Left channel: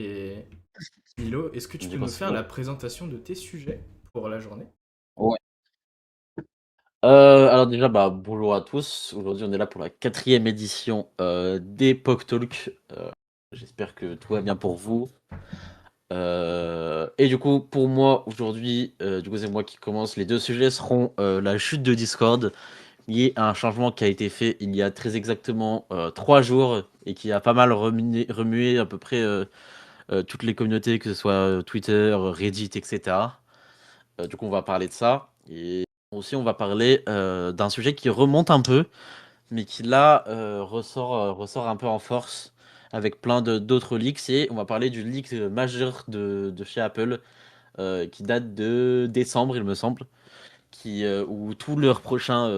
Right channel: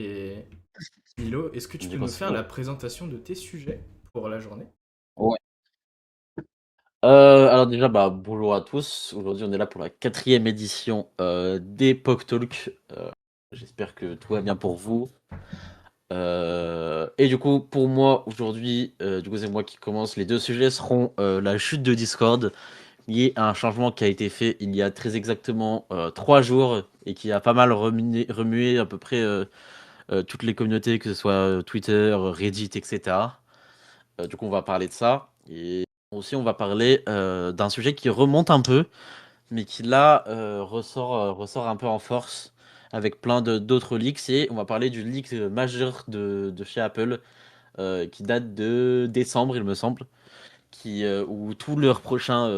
Et Milo, est-ce que tu peux Du coup, nous c'est faire cool. la présentation de tes sujets pour la journée? Ouais. Alors déjà, bonjour à tous. Aujourd'hui, on est là pour la quatrième édition d'Epoch Talk. J'espère que tout va bien pour vous. Et du coup, pour moi, aujourd'hui, c'est moi qui commence. Les deux sujets seront la chute de Discord, liée à un changement qui a été fait il y a très exactement 3 jours et qui a pas mal remué à peu près toutes les communautés, que ce soit Twitter, Reddit, etc. Du coup, on va parler de ça. Et aussi, on va parler d'un sujet qui remonte un peu, mais qui là ressort un peu en force avec plein d'autres leaks. Et on va parler du leak majeur de chez Apple qui date de décembre, il me semble, où tous leurs prochains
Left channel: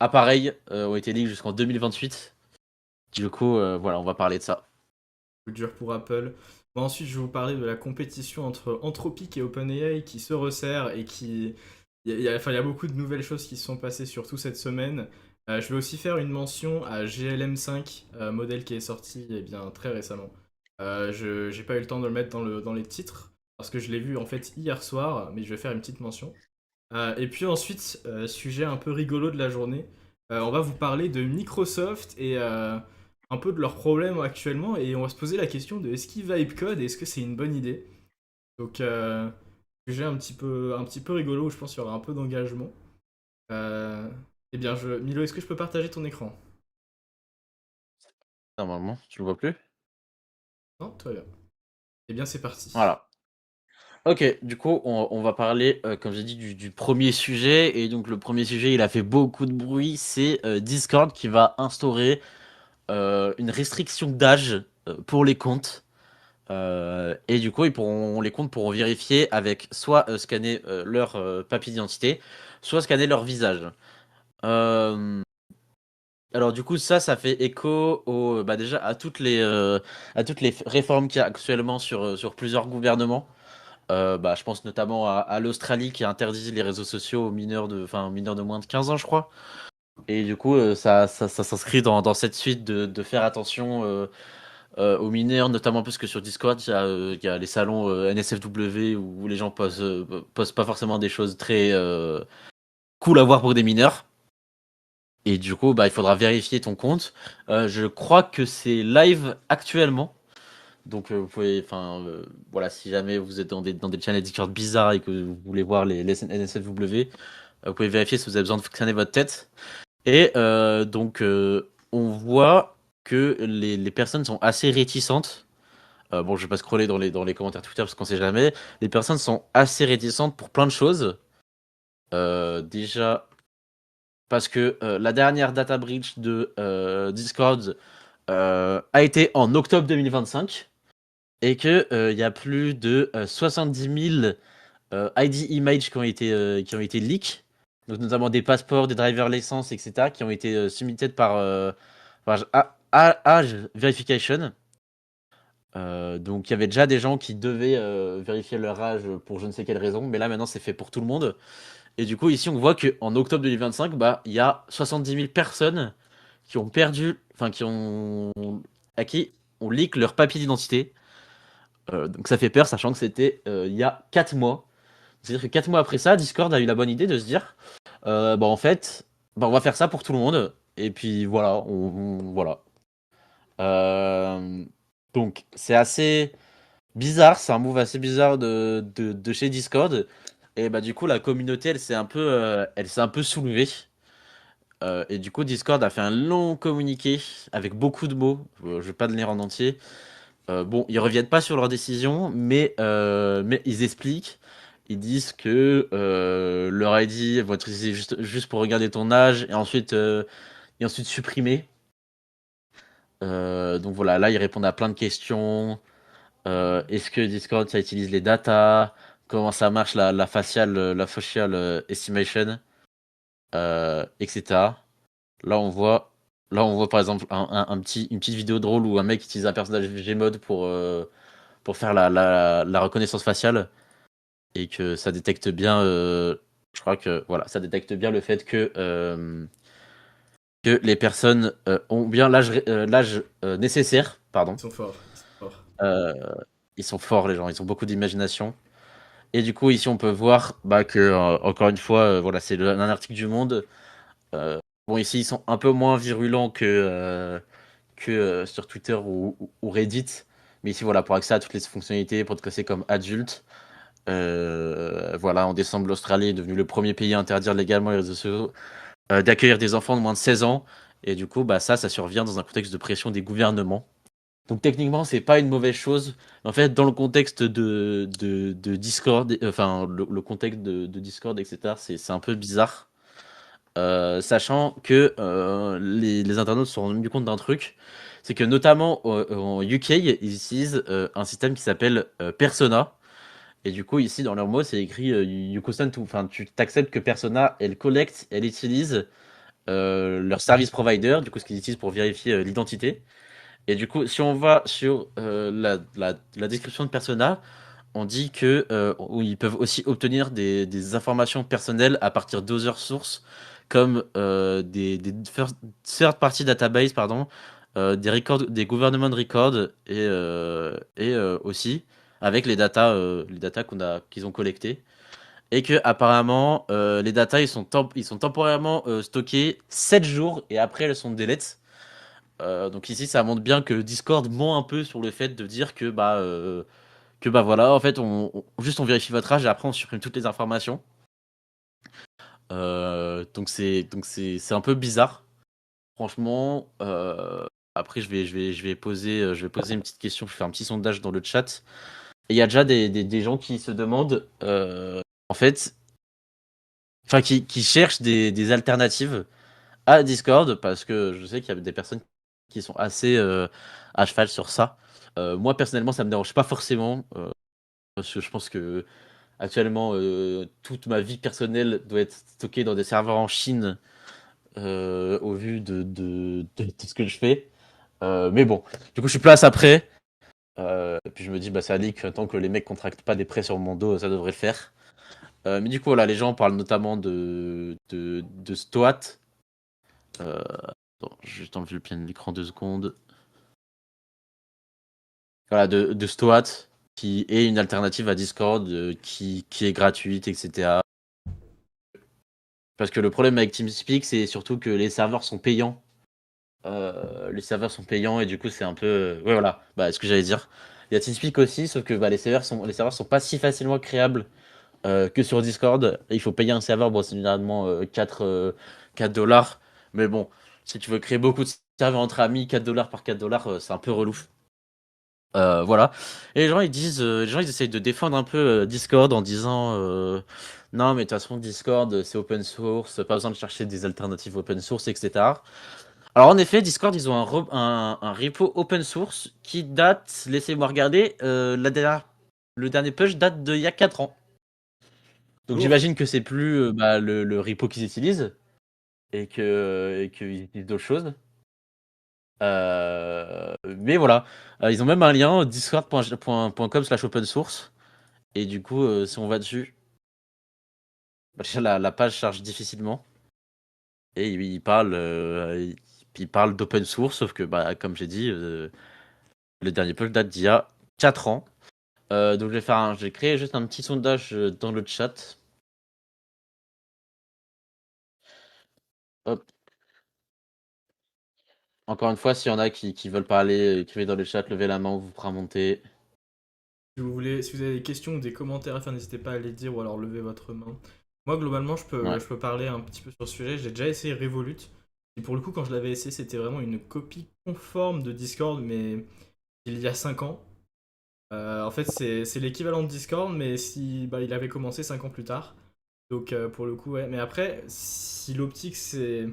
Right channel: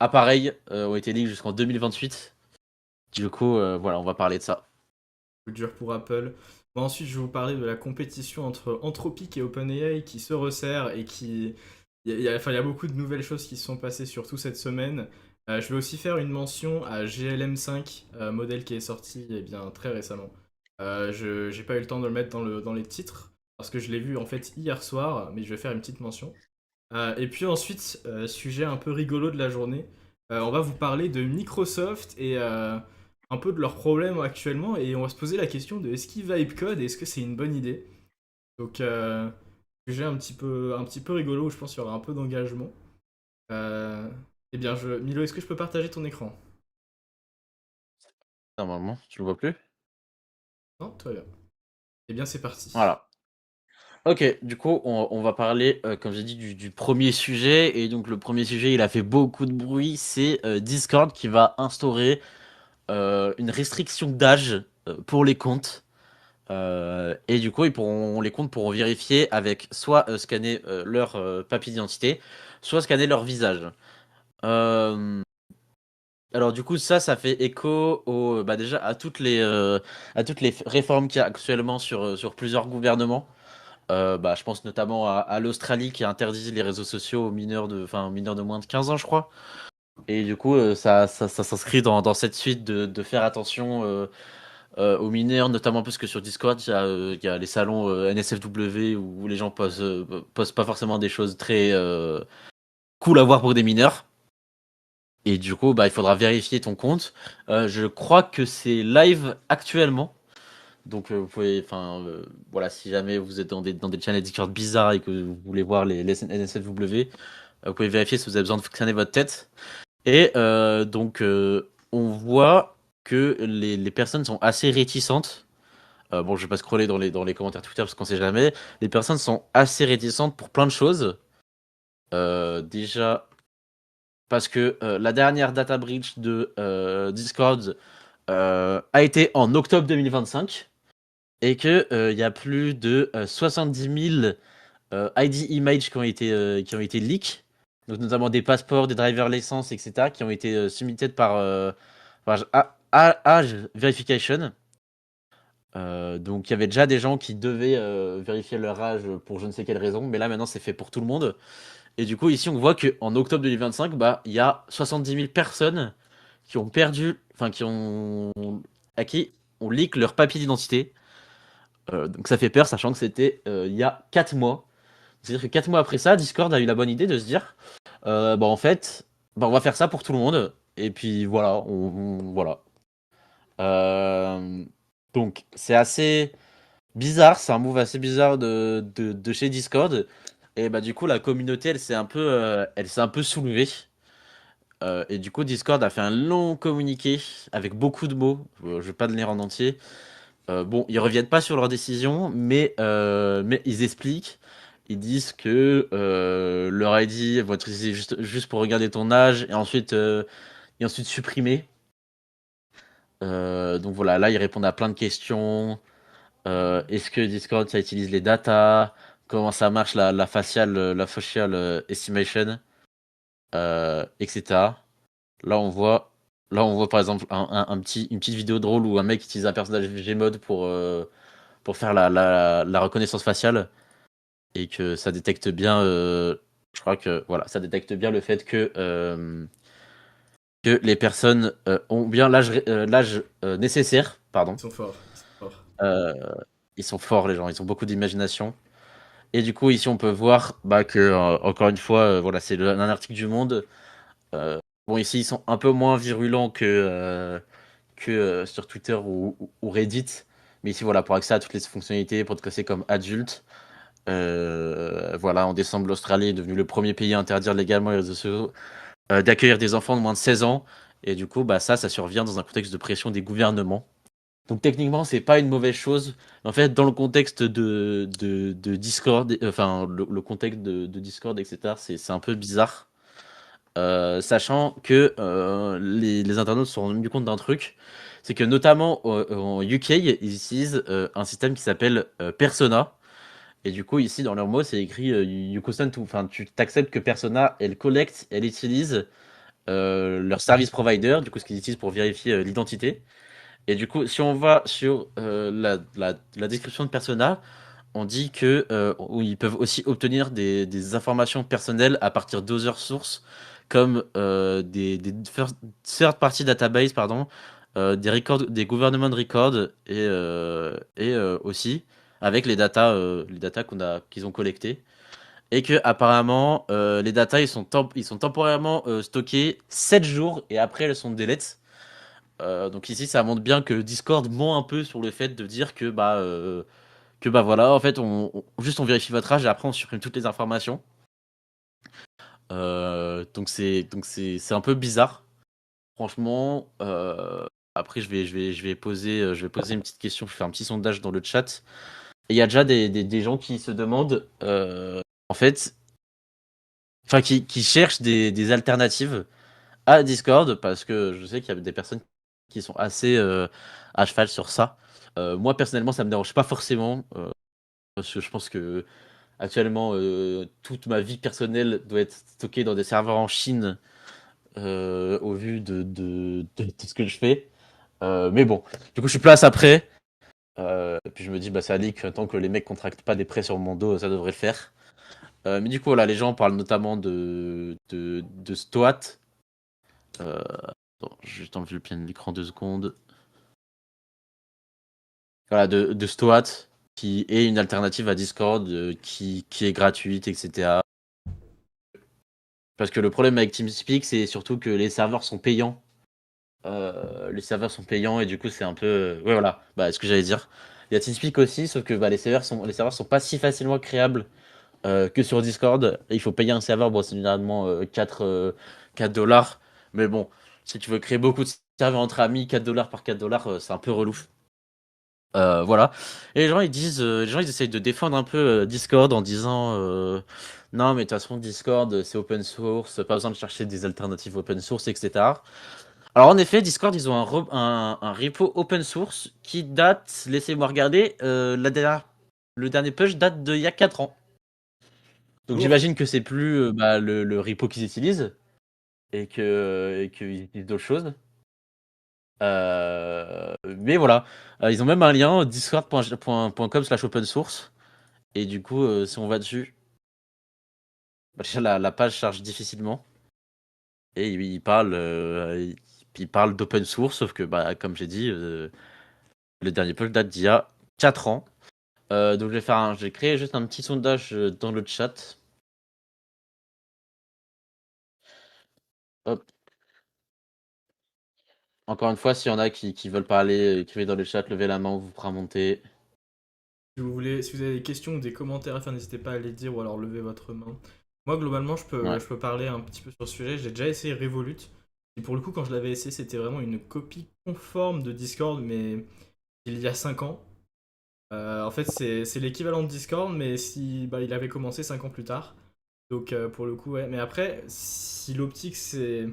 appareils ont été leaks jusqu'en 2028. Du coup, voilà, on va parler de ça. Coup dur pour Apple. Bon, ensuite, je vais vous parler de la compétition entre Anthropic et OpenAI qui se resserre et qui. Enfin, il y a beaucoup de nouvelles choses qui se sont passées, surtout cette semaine. Je vais aussi faire une mention à GLM5, modèle qui est sorti bien, très récemment. Je j'ai pas eu le temps de le mettre dans les titres, parce que je l'ai vu en fait hier soir, mais je vais faire une petite mention. Et puis ensuite, sujet un peu rigolo de la journée, on va vous parler de Microsoft et un peu de leurs problèmes actuellement, et on va se poser la question de est-ce qu'ils vibe code et est-ce que c'est une bonne idée. Donc sujet un petit peu rigolo où je pense qu'il y aura un peu d'engagement. Euh, eh bien, Milo, est-ce que je peux partager ton écran? Normalement, tu le vois plus? Non, très bien. Eh bien, c'est parti. Voilà. Ok, du coup, on va parler, comme j'ai dit, du premier sujet. Et donc, le premier sujet, il a fait beaucoup de bruit. C'est Discord qui va instaurer une restriction d'âge pour les comptes. Et du coup, les comptes pourront vérifier avec soit scanner leur papier d'identité, soit scanner leur visage. Euh, alors du coup, ça fait écho déjà à toutes les réformes qu'il y a actuellement sur plusieurs gouvernements. Je pense notamment à l'Australie qui interdit les réseaux sociaux aux mineurs de moins de 15 ans, je crois. Et du coup, ça s'inscrit dans cette suite de faire attention aux mineurs, notamment parce que sur Discord, il y a les salons NSFW où les gens posent pas forcément des choses très cool à voir pour des mineurs. Et du coup, il faudra vérifier ton compte. Je crois que c'est live actuellement. Donc, vous pouvez, voilà, si jamais vous êtes dans des channels Discord bizarres et que vous voulez voir les NSFW, vous pouvez vérifier si vous avez besoin de scanner votre tête. Et on voit que les personnes sont assez réticentes. Bon, je vais pas scroller dans les commentaires Twitter parce qu'on sait jamais. Les personnes sont assez réticentes pour plein de choses. Déjà, parce que la dernière data breach de Discord a été en octobre 2025 et que il y a plus de 70 000 ID images qui ont été leaks, donc notamment des passeports, des driver license, etc., qui ont été submitted par Age Verification. Donc il y avait déjà des gens qui devaient vérifier leur âge pour je ne sais quelle raison, mais là maintenant c'est fait pour tout le monde. Et du coup ici on voit qu'en octobre 2025, il y a 70 000 personnes qui ont perdu, à qui on leak leur papier d'identité. Donc ça fait peur, sachant que c'était il y a 4 mois. C'est-à-dire que 4 mois après ça, Discord a eu la bonne idée de se dire, en fait, on va faire ça pour tout le monde. Et puis voilà, voilà. Euh, donc c'est assez bizarre, c'est un move assez bizarre de chez Discord. Et du coup, la communauté, elle s'est un peu soulevée. Et du coup, Discord a fait un long communiqué avec beaucoup de mots. Je vais pas le lire en entier. Bon, ils reviennent pas sur leur décision, mais ils expliquent. Ils disent que leur ID va être utilisé juste pour regarder ton âge et ensuite supprimé. Donc voilà, là ils répondent à plein de questions. Est-ce que Discord ça utilise les datas? Comment ça marche la facial estimation, etc. Là on voit, là on voit par exemple une petite vidéo drôle où un mec utilise un personnage Gmod pour faire la reconnaissance faciale et que ça détecte bien. Je crois que voilà, ça détecte bien le fait que que les personnes ont bien l'âge nécessaire, pardon. Ils sont forts, ils sont forts. Euh, Ils sont forts, les gens, ils ont beaucoup d'imagination. Et du coup, ici, on peut voir bah, que, encore une fois, voilà, c'est un article du Monde. Euh, bon, ici, ils sont un peu moins virulents que sur Twitter ou Reddit. Mais ici, voilà, pour accéder à toutes les fonctionnalités, podcasser comme adulte. Voilà, en décembre, l'Australie est devenue le premier pays à interdire légalement les réseaux sociaux, d'accueillir des enfants de moins de 16 ans. Et du coup, bah, ça survient dans un contexte de pression des gouvernements. Donc techniquement, c'est pas une mauvaise chose. En fait, dans le contexte de Discord, enfin le contexte de Discord, etc., c'est un peu bizarre. Sachant que les internautes se sont rendus compte d'un truc, c'est que notamment en UK, ils utilisent un système qui s'appelle Persona. Et du coup, ici, dans leur mot, c'est écrit you consent to, enfin, tu t'acceptes que Persona, elle collecte, elle utilise leur service provider, du coup, ce qu'ils utilisent pour vérifier l'identité. Et du coup, si on va sur la description de Persona, on dit que ils peuvent aussi obtenir des informations personnelles à partir d'autres sources, comme des third-party database, pardon, des records, des government records et aussi avec les datas qu'ils ont collectées. Et que apparemment les datas ils sont temporairement stockés 7 jours et après elles sont deletes. Donc ici, ça montre bien que Discord ment un peu sur le fait de dire que bah voilà, en fait, juste on vérifie votre âge et après on supprime toutes les informations. Donc c'est un peu bizarre, franchement. Après, je vais poser une petite question, je vais faire un petit sondage dans le chat. Et il y a déjà des gens qui se demandent, en fait, enfin qui cherchent des alternatives à Discord parce que je sais qu'il y a des personnes qui sont assez à cheval sur ça. Moi personnellement, ça me dérange pas forcément parce que je pense que actuellement toute ma vie personnelle doit être stockée dans des serveurs en Chine au vu de ce que je fais. Mais bon, du coup, je suis plus à ça près. Et puis je me dis, bah, ça dit que tant que les mecs contractent pas des prêts sur mon dos, ça devrait le faire. Mais du coup, voilà, les gens parlent notamment de Stoat. Euh, Attends, j'ai juste enlevé le plein de l'écran 2 secondes. Voilà, de Stoat, qui est une alternative à Discord, qui est gratuite, etc. Parce que le problème avec TeamSpeak, c'est surtout que les serveurs sont payants. Les serveurs sont payants et du coup, c'est un peu. Ouais, voilà, bah, ce que j'allais dire. Il y a TeamSpeak aussi, sauf que bah, les serveurs sont pas si facilement créables que sur Discord. Et il faut payer un serveur, bon, c'est généralement 4 dollars. Mais bon, si tu veux créer beaucoup de serveurs entre amis, 4 dollars par 4 dollars, c'est un peu relou. Voilà. Et les gens ils essayent de défendre un peu Discord en disant non, mais de toute façon, Discord c'est open source, pas besoin de chercher des alternatives open source, etc. Alors, en effet, Discord ils ont un repo open source qui date, laissez-moi regarder, le dernier push date d'il y a 4 ans. Donc, Lourd. j'imagine que c'est plus bah, le repo qu'ils utilisent et qu'ils utilisent d'autres choses. Mais voilà, ils ont même un lien discord.com/open source. Et du coup, si on va dessus, bah, déjà, la page charge difficilement. Et il parle d'open source, sauf que, bah, comme j'ai dit, le dernier push date d'il y a 4 ans. Donc je vais créer juste un petit sondage dans le chat. Hop. Encore une fois, s'il y en a qui veulent parler, écrivez dans le chat, levez la main, on vous fera monter. Si vous avez des questions ou des commentaires à faire, n'hésitez pas à les dire ou alors levez votre main. Moi, globalement, Ouais. je peux parler un petit peu sur ce sujet. J'ai déjà essayé Revolut. Et pour le coup, quand je l'avais essayé, c'était vraiment une copie conforme de Discord, mais il y a 5 ans. En fait, c'est l'équivalent de Discord, mais si bah, il avait commencé 5 ans plus tard. Donc, pour le coup, ouais. Mais après, si l'optique, c'est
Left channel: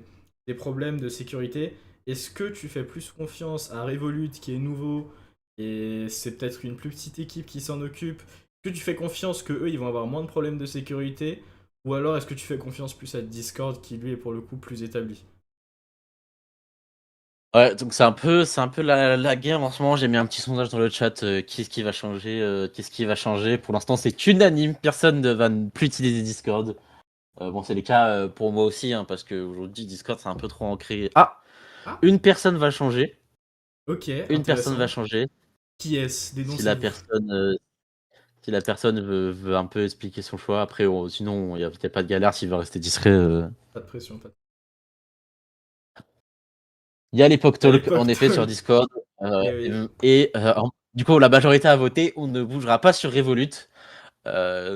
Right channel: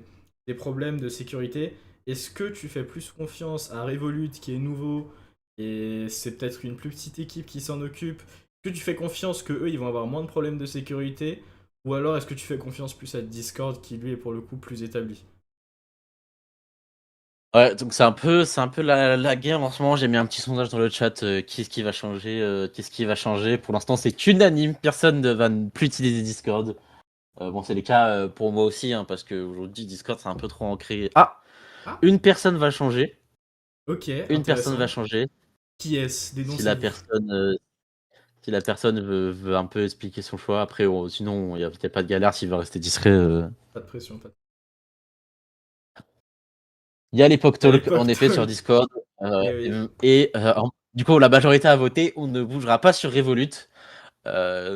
des problèmes de sécurité, est-ce que tu fais plus confiance à Revolut, qui est nouveau, et c'est peut-être une plus petite équipe qui s'en occupe? Est-ce que tu fais confiance que eux ils vont avoir moins de problèmes de sécurité? Ou alors est-ce que tu fais confiance plus à Discord, qui lui est pour le coup plus établi? Ouais, donc c'est un peu la guerre en ce moment. J'ai mis un petit sondage dans le chat. Qu'est-ce qui va changer? Qu'est-ce qui va changer? Pour l'instant, c'est unanime. Personne ne va plus utiliser Discord. Bon, c'est le cas pour moi aussi, hein, parce qu'aujourd'hui, Discord, c'est un peu trop ancré. Ah! Ah, Une personne va changer. ok, Une personne va intéressant. changer. Qui est-ce? Si la Dénoncez-vous. personne, si la personne veut un peu expliquer son choix, après, sinon, il y a pas de galère s'il veut rester discret. Pas de pression, pas de... Il y a l'époque À talk, en l'époque, effet, sur talk. Discord. Et oui, Du coup, la majorité a voté. On ne bougera pas sur Revolut.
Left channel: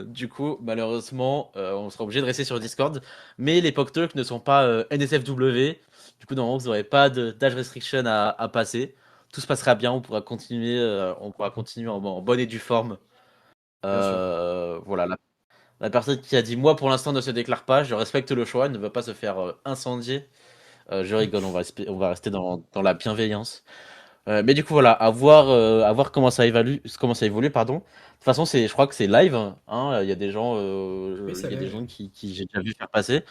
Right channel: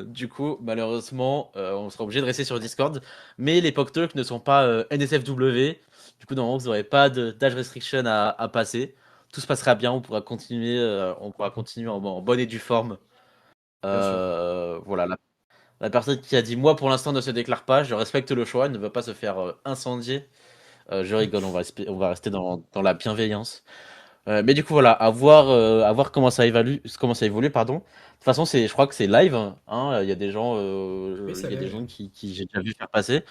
Du coup, malheureusement, on sera obligé de rester sur Discord. Mais les POC Talk ne sont pas NSFW. Du coup, normalement, vous n'aurez pas d'âge restriction à passer. Tout se passera bien. On pourra continuer en bonne et due forme. bien sûr. Voilà. La personne qui a dit moi pour l'instant ne se déclare pas. Je respecte le choix. Elle ne veut pas se faire incendier. Je rigole. On va rester dans la bienveillance. Mais du coup, voilà, à voir comment ça évolue, pardon. De toute façon, je crois que c'est live, hein. Oui, ça Il y a l'est, des oui. gens qui j'ai déjà vu faire passer.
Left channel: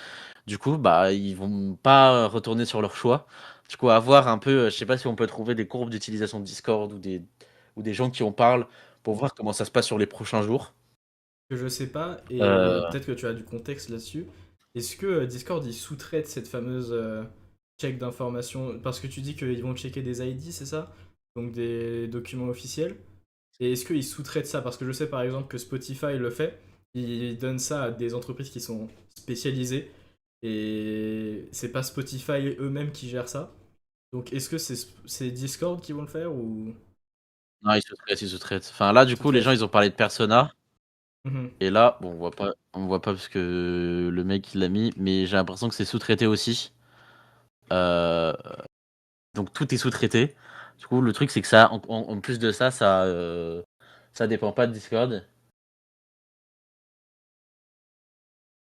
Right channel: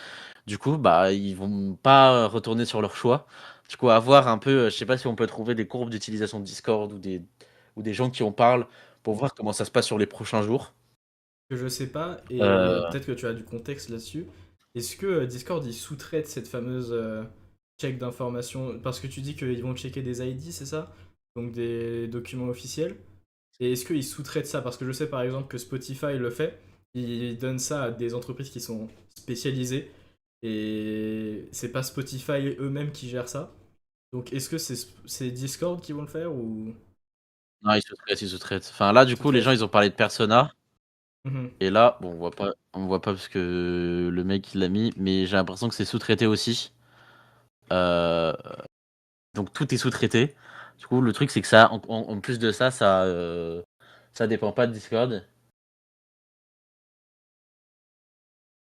Du coup, bah, ils vont pas retourner sur leur choix. Du coup, à voir un peu, je sais pas si on peut trouver des courbes d'utilisation de Discord ou des gens qui en parlent pour voir comment ça se passe sur les prochains jours. Que je sais pas, et Euh, peut-être que tu as du contexte là-dessus. Est-ce que Discord, il sous-traite cette fameuse check d'information? Parce que tu dis qu'ils vont checker des ID, c'est ça? Donc des documents officiels. Et est-ce qu'ils sous-traitent ça? Parce que je sais par exemple que Spotify le fait. Ils donnent ça à des entreprises qui sont spécialisées. Et c'est pas Spotify eux-mêmes qui gèrent ça. Donc est-ce que c'est Discord qui vont le faire ou non, ils sous-traitent. Enfin, là, du coup, les gens, sous-traitent? ils ont parlé de Persona. Mhm. Et là, bon, on voit pas parce que le mec, il l'a mis, mais j'ai l'impression que c'est sous-traité aussi. Euh, donc tout est sous-traité. Du coup, le truc, c'est que ça, en plus de ça, ça dépend pas de Discord.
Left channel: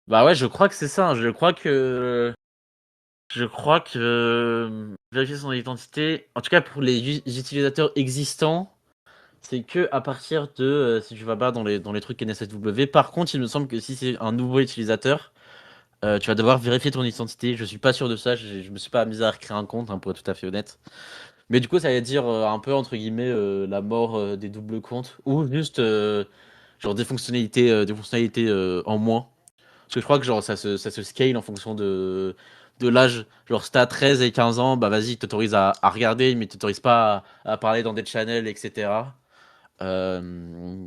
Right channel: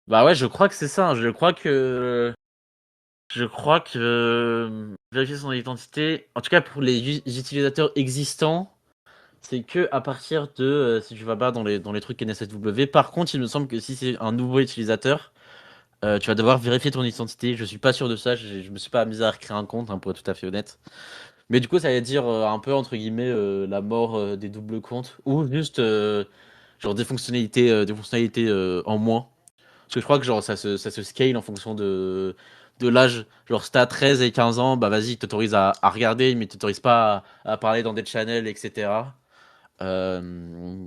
Bah ouais, je crois que c'est ça, hein. Je crois que vérifier son identité, en tout cas pour les utilisateurs existants, c'est que à partir de si tu vas pas dans les trucs NSFW. Par contre, il me semble que si c'est un nouveau utilisateur, tu vas devoir vérifier ton identité. Je suis pas sûr de ça. Je me suis pas amusé à recréer un compte, hein, pour être tout à fait honnête. Mais du coup, ça veut dire un peu entre guillemets la mort des doubles comptes ou juste genre des fonctionnalités en moins. Parce que je crois que genre ça se scale en fonction de l'âge. Genre si t'as 13 et 15 ans, bah vas-y, il t'autorise à regarder, mais il t'autorise pas à parler dans des channels, etc.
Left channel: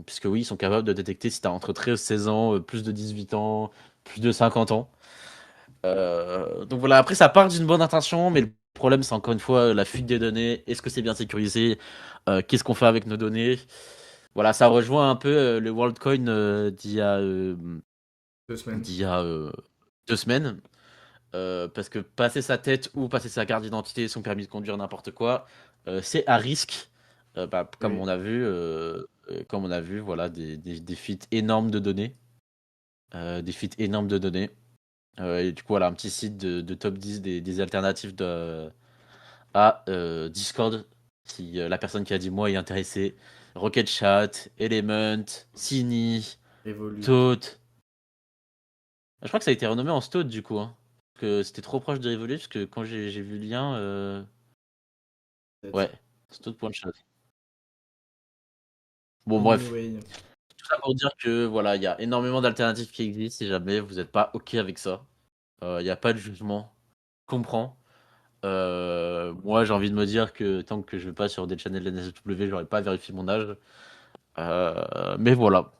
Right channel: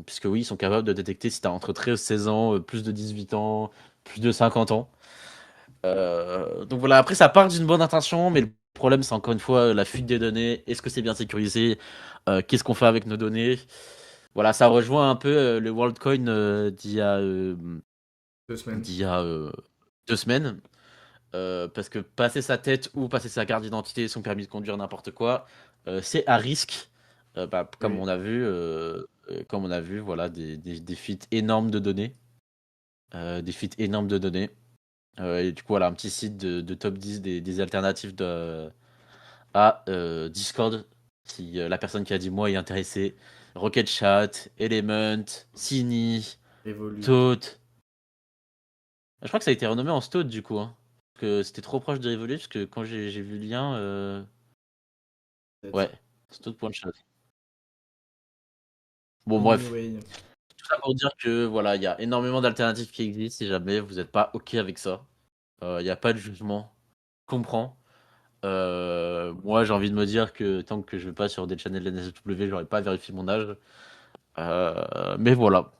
Puisque oui, ils sont capables de détecter si t'as entre 13 et 16 ans, plus de 18 ans, plus de 50 ans. Donc voilà, après ça part d'une bonne intention, mais le problème c'est encore une fois la fuite des données. Est-ce que c'est bien sécurisé? Qu'est-ce qu'on fait avec nos données? Voilà, ça rejoint un peu le WorldCoin Deux semaines. d'il y a 2 semaines. Parce que passer sa tête ou passer sa carte d'identité, son permis de conduire, n'importe quoi, c'est à risque. Bah, Oui. comme on a vu, voilà, des fuites énormes de données. Des fuites énormes de données. Et du coup, voilà, un petit site de top 10 des alternatives à Discord. Si la personne qui a dit moi est intéressée. Rocket Chat, Element, Cini, Revolut. Toad. Je crois que ça a été renommé en Stoat du coup, hein. Parce que c'était trop proche de Revolut, parce que quand j'ai vu le lien, ouais, Peut-être. Stoat.chat. Bon, bref. Anyway. Tout ça pour dire que voilà, il y a énormément d'alternatives qui existent si jamais vous n'êtes pas OK avec ça. Il n'y a pas de jugement. Je comprends. Moi, j'ai envie de me dire que tant que je vais pas sur des channels NSW, j'aurais pas vérifié mon âge. Mais voilà.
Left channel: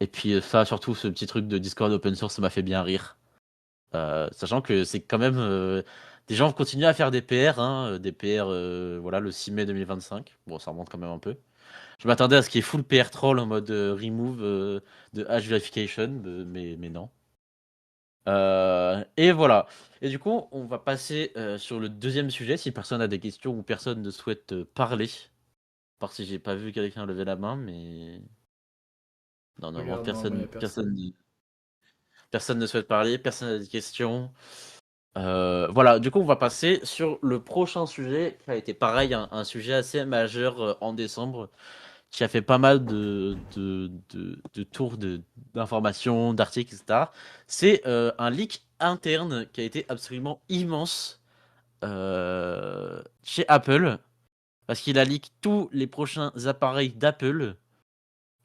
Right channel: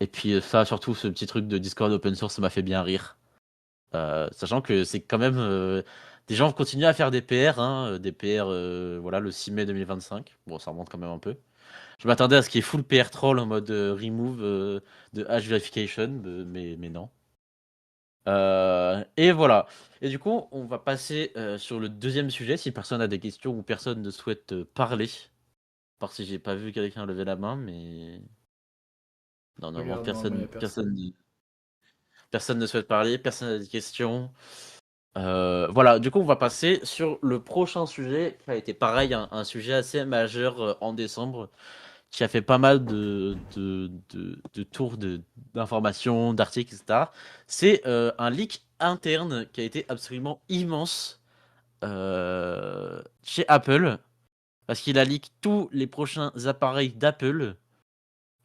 Et puis ça, surtout ce petit truc de Discord open source, ça m'a fait bien rire. Sachant que c'est quand même des gens continuent à faire des PR, hein, des PR, voilà, le 6 mai 2025. Bon, ça remonte quand même un peu. Je m'attendais à ce qu'il y ait full PR troll en mode remove de hash verification, mais non. Et voilà. Et du coup, on va passer sur le deuxième sujet. Si personne a des questions ou personne ne souhaite parler, parce que j'ai pas vu quelqu'un lever la main, mais non, normalement Regarde, normalement, il n'y a personne. personne ne souhaite parler, personne n'a des questions. Voilà, du coup, on va passer sur le prochain sujet qui a été pareil, un sujet assez majeur en décembre, qui a fait pas mal de tours d'informations, d'articles, etc. C'est un leak interne qui a été absolument immense chez Apple, parce qu'il a leak tous les prochains appareils d'Apple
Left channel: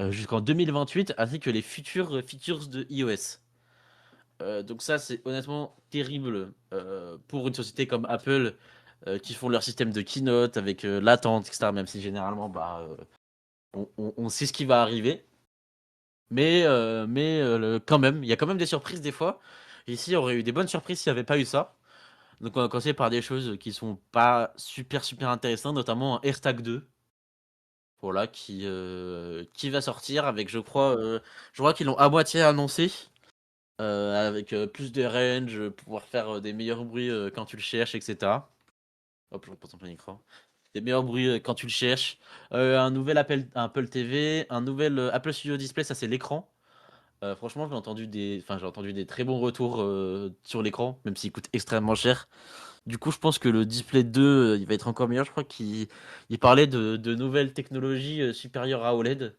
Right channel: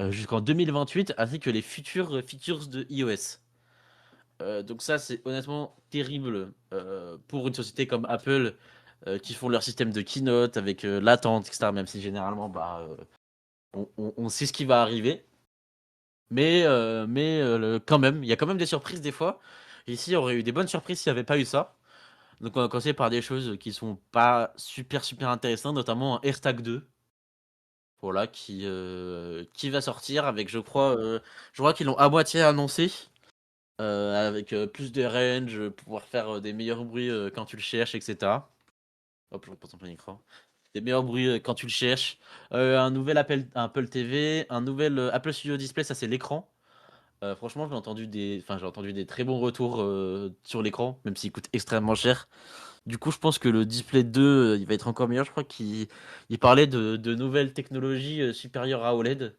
jusqu'en 2028, ainsi que les futures features de iOS. Donc ça, c'est honnêtement terrible pour une société comme Apple qui font leur système de keynote avec l'attente, etc. Même si généralement, on sait ce qui va arriver. Quand même, il y a quand même des surprises des fois. Ici, il y aurait eu des bonnes surprises s'il n'y avait pas eu ça. Donc on va commencer par des choses qui sont pas super super intéressantes, notamment un AirTag 2. Voilà, qui va sortir avec, je crois qu'ils l'ont à moitié annoncé, avec plus de range, pouvoir faire des meilleurs bruits quand tu le cherches, etc. Hop, je reprends mon écran. Des meilleurs bruits quand tu le cherches. Un nouvel Apple TV, un nouvel Apple Studio Display, ça c'est l'écran. Franchement, j'ai entendu des très bons retours sur l'écran, même s'il coûte extrêmement cher. Du coup, je pense que le Display 2, il va être encore meilleur. Je crois qu'il parlait de nouvelles technologies supérieures à OLED.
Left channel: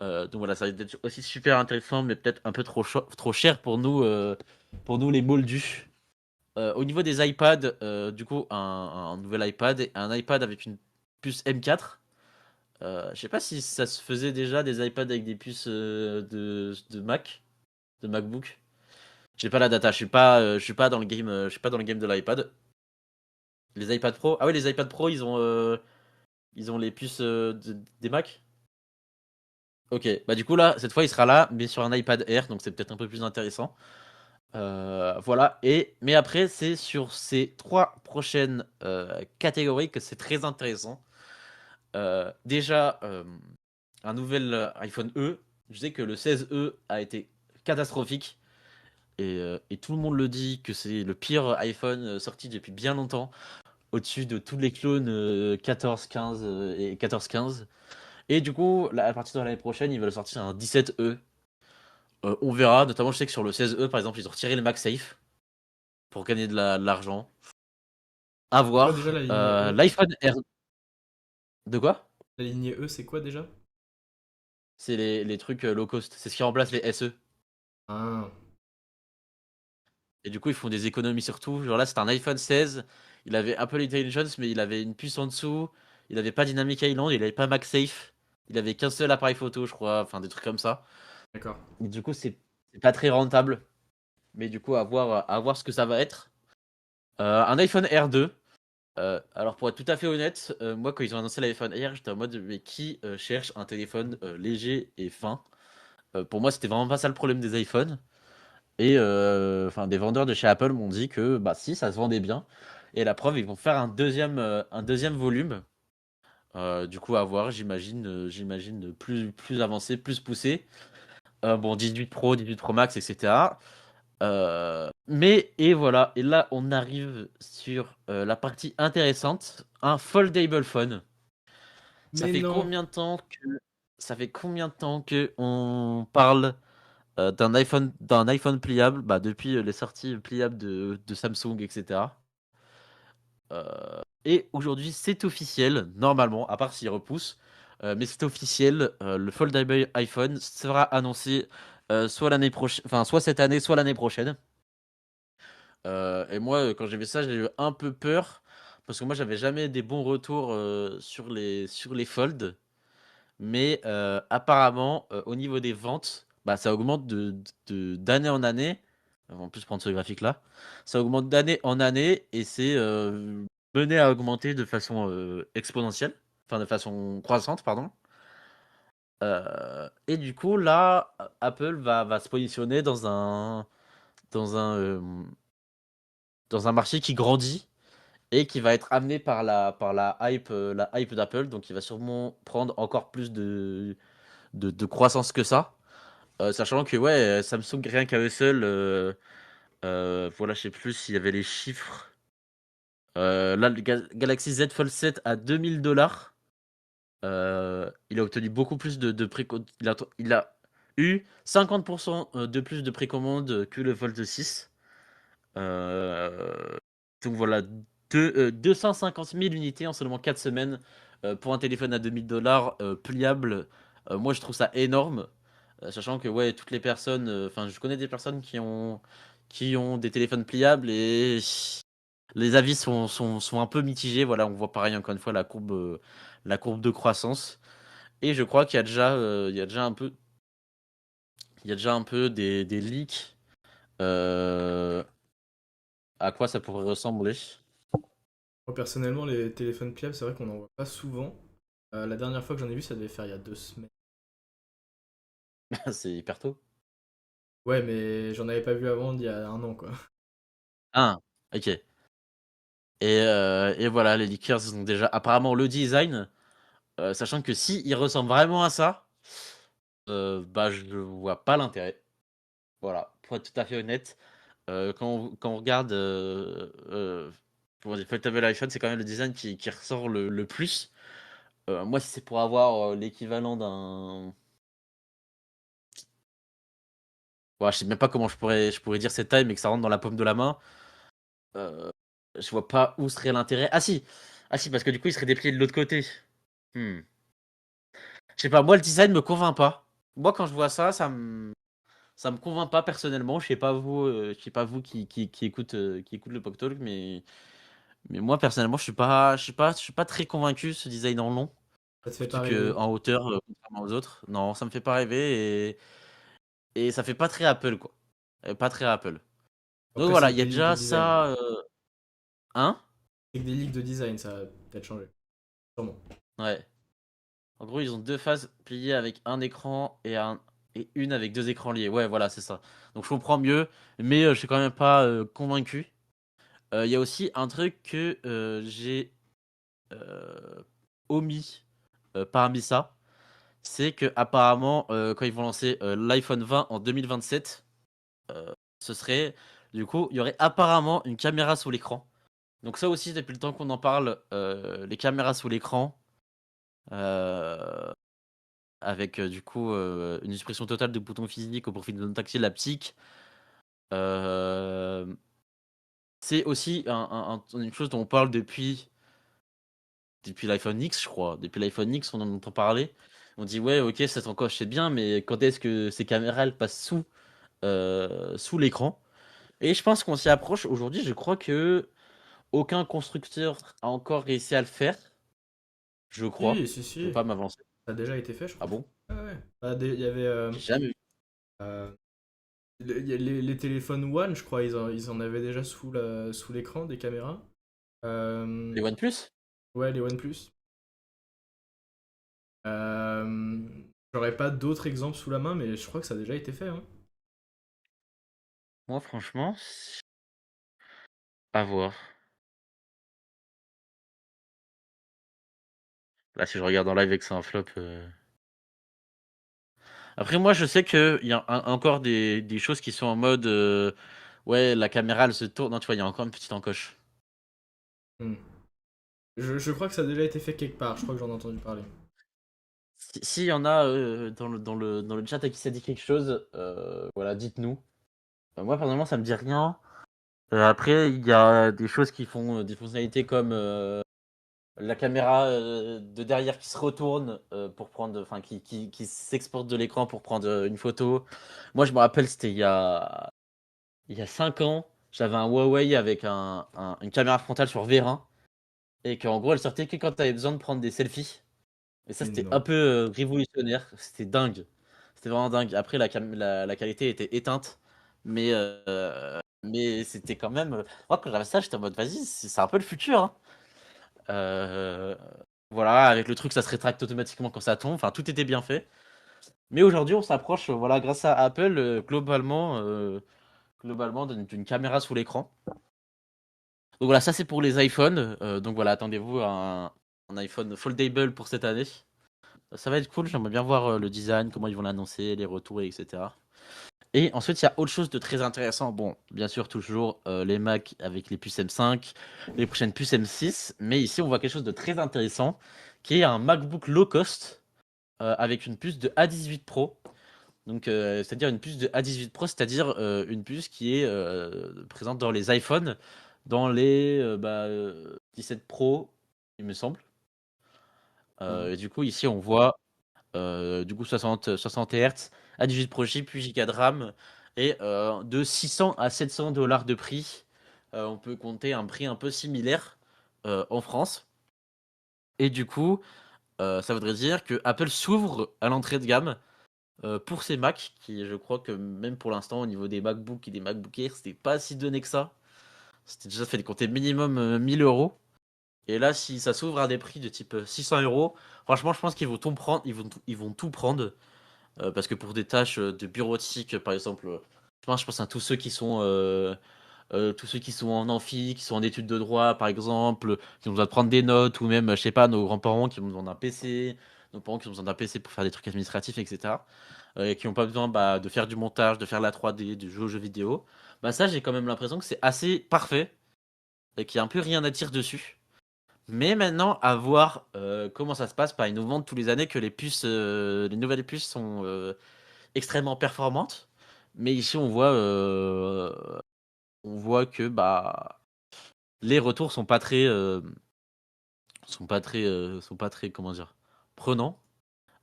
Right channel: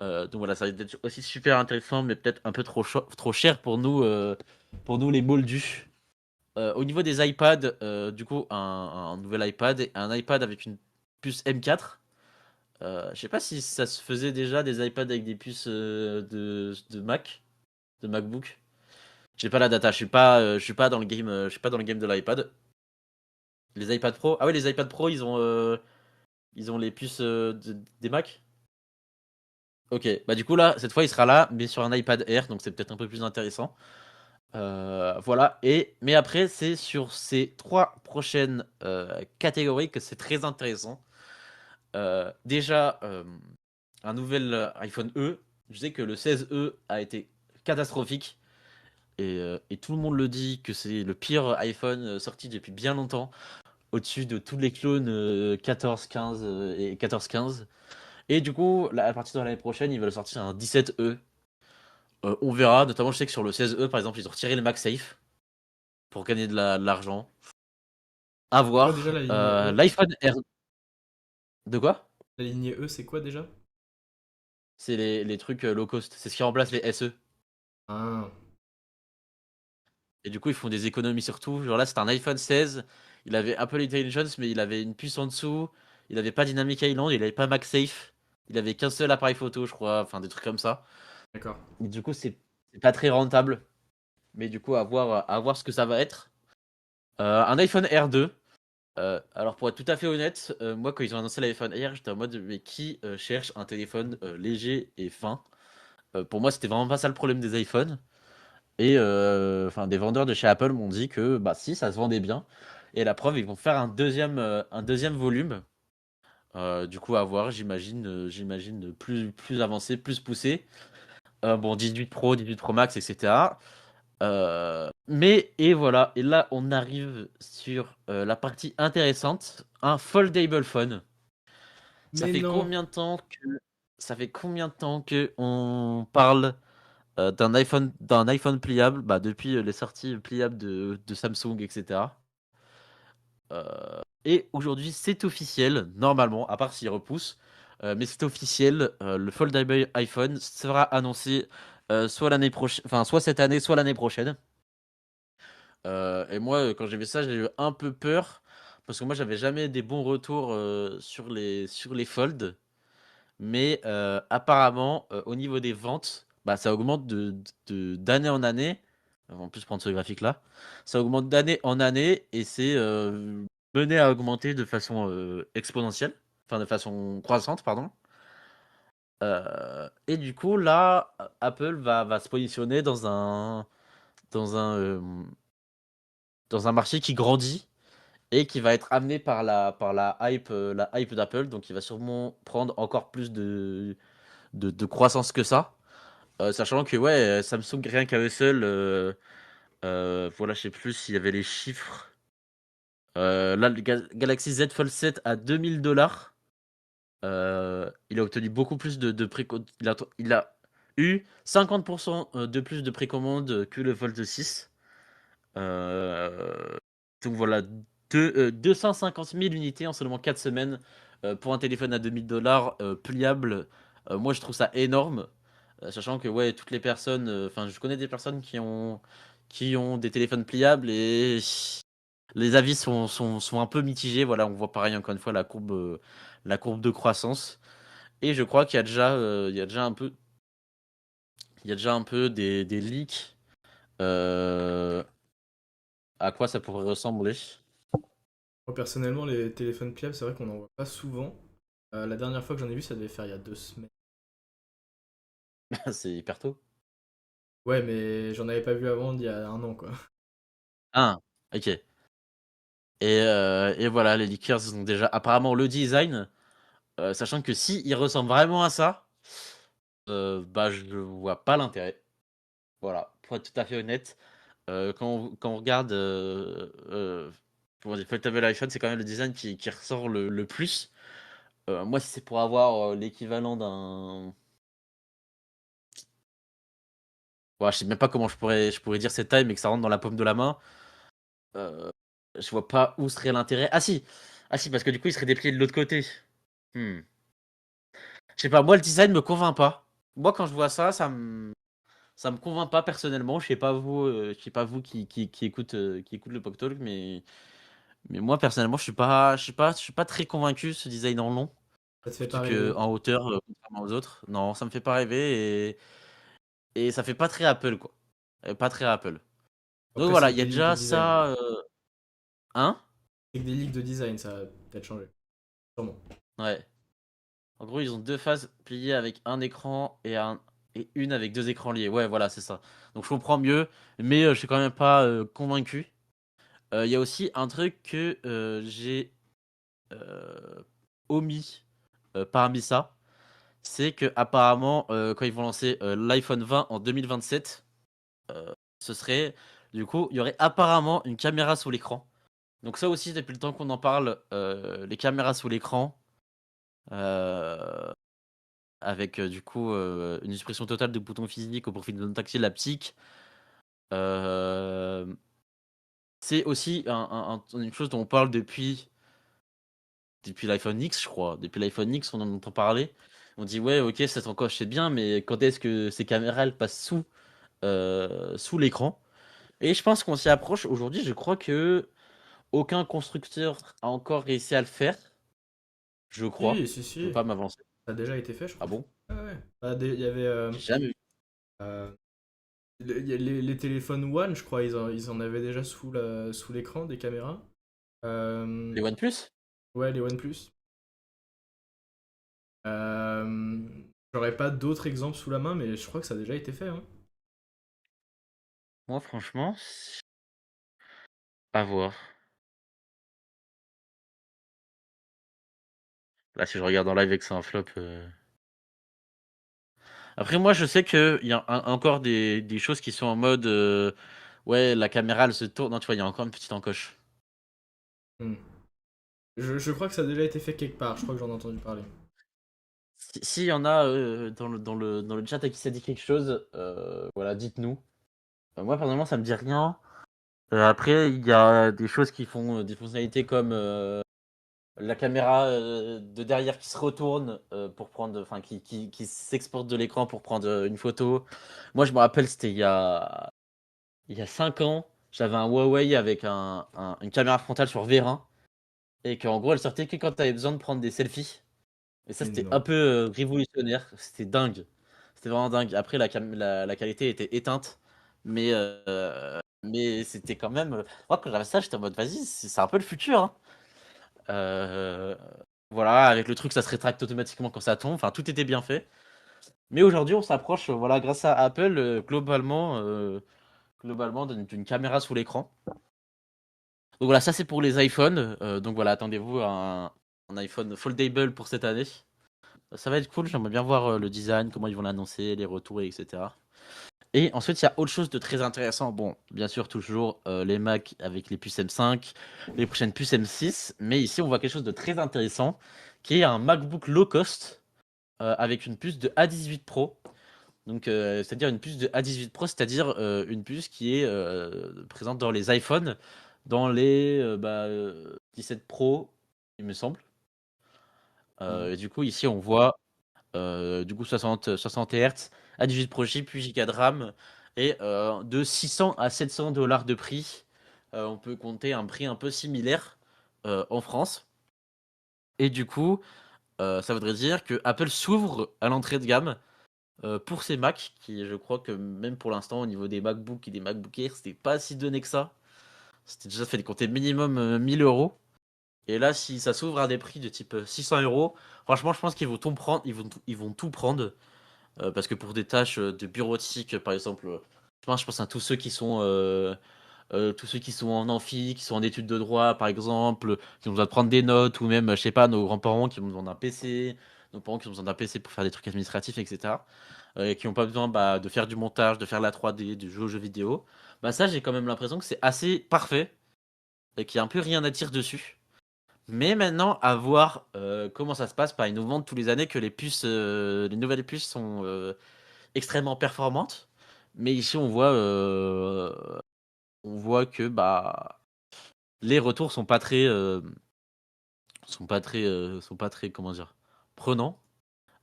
Donc voilà, ça va être aussi super intéressant, mais peut-être un peu trop cher pour nous les moldus. Au niveau des iPads, du coup, un nouvel iPad et un iPad avec une puce M4. Je sais pas si ça se faisait déjà des iPads avec des puces de Mac, de MacBook. J'ai pas la data, je suis pas dans le game, je suis pas dans le game de l'iPad. Les iPad Pro, ah ouais, les iPad Pro, ils ont les puces des Mac. Ok, bah du coup là, cette fois, il sera là, mais sur un iPad Air, donc c'est peut-être un peu plus intéressant. Voilà. Mais après, c'est sur ces trois prochaines catégories que c'est très intéressant. Déjà, un nouvel iPhone E. Je sais que le 16E a été catastrophique. Et tout le monde le dit que c'est le pire iPhone sorti depuis bien longtemps, au-dessus de tous les clones 14, 15 et 14, 15. Et du coup, là, à partir de l'année prochaine, ils veulent sortir un 17E. On verra, notamment je sais que sur le 16E, par exemple, ils ont retiré le MagSafe pour gagner de l'argent. À C'est quoi déjà la voir. lignée E? L'iPhone R. De quoi? La lignée E, c'est quoi déjà? C'est les trucs low cost. C'est ce qui remplace les SE. Ah, Et du coup, ils font des économies sur tout. Genre là, c'est un iPhone 16. Il avait Apple Intelligence, mais il avait une puce en dessous. Il avait pas Dynamic Island. Il avait pas MagSafe. Il avait qu'un seul appareil photo, je crois. Enfin, des trucs comme ça. d'accord. Et du coup, c'est pas très rentable. Mais du coup, à voir ce que ça va être. Un iPhone R2. Alors, pour être tout à fait honnête, moi, quand ils ont annoncé l'iPhone Air, j'étais en mode, mais qui cherche un téléphone léger et fin? Pour moi, c'était vraiment pas ça le problème des iPhones. Et enfin, des vendeurs de chez Apple m'ont dit que bah si, ça se vendait bien. Et la preuve, ils vont faire un deuxième volume. Du coup, à voir, j'imagine plus avancé, plus poussé. Bon, 18 Pro, 18 Pro Max, etc. Et voilà, et là, on arrive sur la partie intéressante, un foldable phone. Ça Mais fait non! combien de temps que ça fait combien de temps que on parle d'un iPhone pliable, bah, depuis les sorties pliables de Samsung, etc. Et aujourd'hui, c'est officiel, normalement, à part s'il repousse, mais c'est officiel, le foldable iPhone sera annoncé soit l'année prochaine, enfin soit cette année, soit l'année prochaine. Et moi, quand j'ai vu ça, j'ai eu un peu peur parce que moi, j'avais jamais des bons retours sur les folds. Mais apparemment, au niveau des ventes, bah, ça augmente d'année en année. En plus, prendre ce graphique-là. Ça augmente d'année en année et c'est mené à augmenter de façon exponentielle. Enfin, de façon croissante, pardon. Et du coup, là, Apple va se positionner dans un, euh, dans un marché qui grandit et qui va être amené par la hype d'Apple. Donc, il va sûrement prendre encore plus de croissance que ça. Sachant que ouais, Samsung rien qu'à eux seuls, voilà, je sais plus s'il y avait les chiffres. Là, le Galaxy Z Fold 7 à 2000 $. Il a obtenu beaucoup plus de précommande. Il a eu 50% de plus de précommande que le Fold 6. Euh, donc voilà, 250 000 unités en seulement 4 semaines pour un téléphone à 2000 $ pliable. Moi, je trouve ça énorme. Sachant que ouais, toutes les personnes, enfin, je connais des personnes qui ont des téléphones pliables et les avis sont un peu mitigés. Voilà, on voit pareil encore une fois la courbe de croissance. Et je crois qu'il y a déjà, il y a déjà un peu des leaks À quoi ça pourrait ressembler? Moi, personnellement, les téléphones pliables, c'est vrai qu'on n'en voit pas souvent. La dernière fois que j'en ai vu, ça devait faire il y a 2 semaines. C'est hyper tôt. Ouais, mais j'en avais pas vu avant d'il y a un an, quoi. Ah, ok. Et voilà, les leakers ils ont déjà apparemment le design, sachant que si il ressemble vraiment à ça, bah je vois pas l'intérêt. Voilà, pour être tout à fait honnête. Quand on regarde pour les foldable iPhone, c'est quand même le design qui ressort le plus. Moi, si c'est pour avoir l'équivalent d'un. Ouais, je sais même pas comment je pourrais dire cette taille, mais que ça rentre dans la paume de la main. euh, je vois pas où serait l'intérêt. Ah si! Ah si, parce que du coup, il serait déplié de l'autre côté. Hmm. Je sais pas, moi, le design me convainc pas. Moi, quand je vois ça, ça me convainc pas personnellement. Je sais pas vous qui écoute le Pop Talk, mais moi, personnellement, je suis pas très convaincu ce design en long. Ça te fait Surtout pas rêver. qu'en hauteur, contrairement aux autres, non, ça me fait pas rêver et ça fait pas très Apple, quoi. Pas très Apple. Donc Après, voilà, c'est il que y a des leaks de déjà design. ça. Hein? C'est que des leaks de design, ça va peut-être changer. Sûrement. Ouais. En gros, ils ont deux phases pliées avec un écran et une avec deux écrans liés. Ouais, voilà, c'est ça. Donc je comprends mieux, mais je suis quand même pas convaincu. Il y a aussi un truc que j'ai euh, omis parmi ça, c'est que apparemment quand ils vont lancer l'iPhone 20 en 2027, ce serait du coup, il y aurait apparemment une caméra sous l'écran. Donc ça aussi, depuis le temps qu'on en parle, les caméras sous l'écran, euh, avec du coup une suppression totale de boutons physiques au profit de non tactile haptique. Euh, c'est aussi une chose dont on parle depuis l'iPhone X, je crois. Depuis l'iPhone X, on en entend parler. On dit ouais, ok, cette encoche c'est bien, mais quand est-ce que ces caméras elles passent sous l'écran? Et je pense qu'on s'y approche aujourd'hui. Je crois que aucun constructeur a encore réussi à le faire. Je crois. Si, si, Je veux si. pas m'avancer. Ça a déjà été fait, je Ah crois. bon? Ouais, ouais. Bah, il y avait J'ai jamais vu. euh, il y a les téléphones One, je crois, ils en avaient déjà sous l'écran des caméras. Les OnePlus? Ouais, les OnePlus. Euh, J'aurais pas d'autres exemples sous la main, mais je crois que ça a déjà été fait, hein. Moi, franchement, à voir. Là, si je regarde en live et que c'est un flop. Après, moi, je sais qu'il y a encore des choses qui sont en mode. Ouais, la caméra, elle se tourne. Non, tu vois, il y a encore une petite encoche. Hmm. Je crois que ça a déjà été fait quelque part, je crois que j'en ai entendu parler. Si y en a dans le chat à qui ça dit quelque chose, voilà, dites-nous. Moi, personnellement, ça me dit rien. Après, il y a des choses qui font des fonctionnalités comme la caméra de derrière qui se retourne pour prendre, enfin, qui s'exporte de l'écran pour prendre une photo. Moi, je me rappelle, c'était il y a 5 ans, j'avais un Huawei avec une caméra frontale sur V20 et qu'en gros, elle sortait que quand tu avais besoin de prendre des selfies. Et ça, Mais c'était non. un peu révolutionnaire. C'était dingue. C'était vraiment dingue. Après, la qualité était éteinte, mais c'était quand même. Moi, quand j'avais ça, j'étais en mode, vas-y, c'est un peu le futur, hein. Euh, voilà, avec le truc, ça se rétracte automatiquement quand ça tombe. Enfin, tout était bien fait. Mais aujourd'hui, on s'approche, voilà, grâce à Apple, globalement d'une caméra sous l'écran. Donc voilà, ça c'est pour les iPhones. Donc voilà, attendez-vous à un iPhone foldable pour cette année. Ça va être cool, j'aimerais bien voir le design, comment ils vont l'annoncer, les retours, etc. Et ensuite, il y a autre chose de très intéressant. Bon, bien sûr, toujours les Mac avec les puces M5, les prochaines puces M6. Mais ici, on voit quelque chose de très intéressant, qui est un MacBook low cost avec une puce de A18 Pro. Donc, c'est-à-dire une puce de A18 Pro, c'est-à-dire une puce qui est présente dans les iPhones, dans les 17 Pro, il me semble. Mhm. Et du coup, ici, on voit du coup 60 Hz, A18 Pro chip, 8 Go de RAM, et de 600 à 700 dollars de prix. On peut compter un prix un peu similaire en France. Et du coup, ça voudrait dire que Apple s'ouvre à l'entrée de gamme pour ces Mac, qui je crois que même pour l'instant, au niveau des MacBook et des MacBook Air, c'était pas si donné que ça. C'était déjà fait compter minimum 1000 euros. Et là, si ça s'ouvre à des prix de type 600 euros, franchement, je pense qu'ils vont tout prendre. Ils vont tout prendre. Parce que pour des tâches de bureautique, par exemple, je pense à tous ceux qui sont en amphi, qui sont en études de droit, par exemple, qui ont besoin de prendre des notes, ou même, je sais pas, nos grands-parents qui ont besoin d'un PC, nos parents qui ont besoin d'un PC pour faire des trucs administratifs, etc. Et qui n'ont pas besoin bah, de faire du montage, de faire la 3D, de jouer aux jeux vidéo. Bah ça, j'ai quand même l'impression que c'est assez parfait et qu'il n'y a un peu rien à dire dessus. Mais maintenant, à voir comment ça se passe. Bah, ils nous vendent tous les années que les nouvelles puces sont extrêmement performantes. Mais ici, on voit que bah, les retours sont pas très, comment dire, prenants.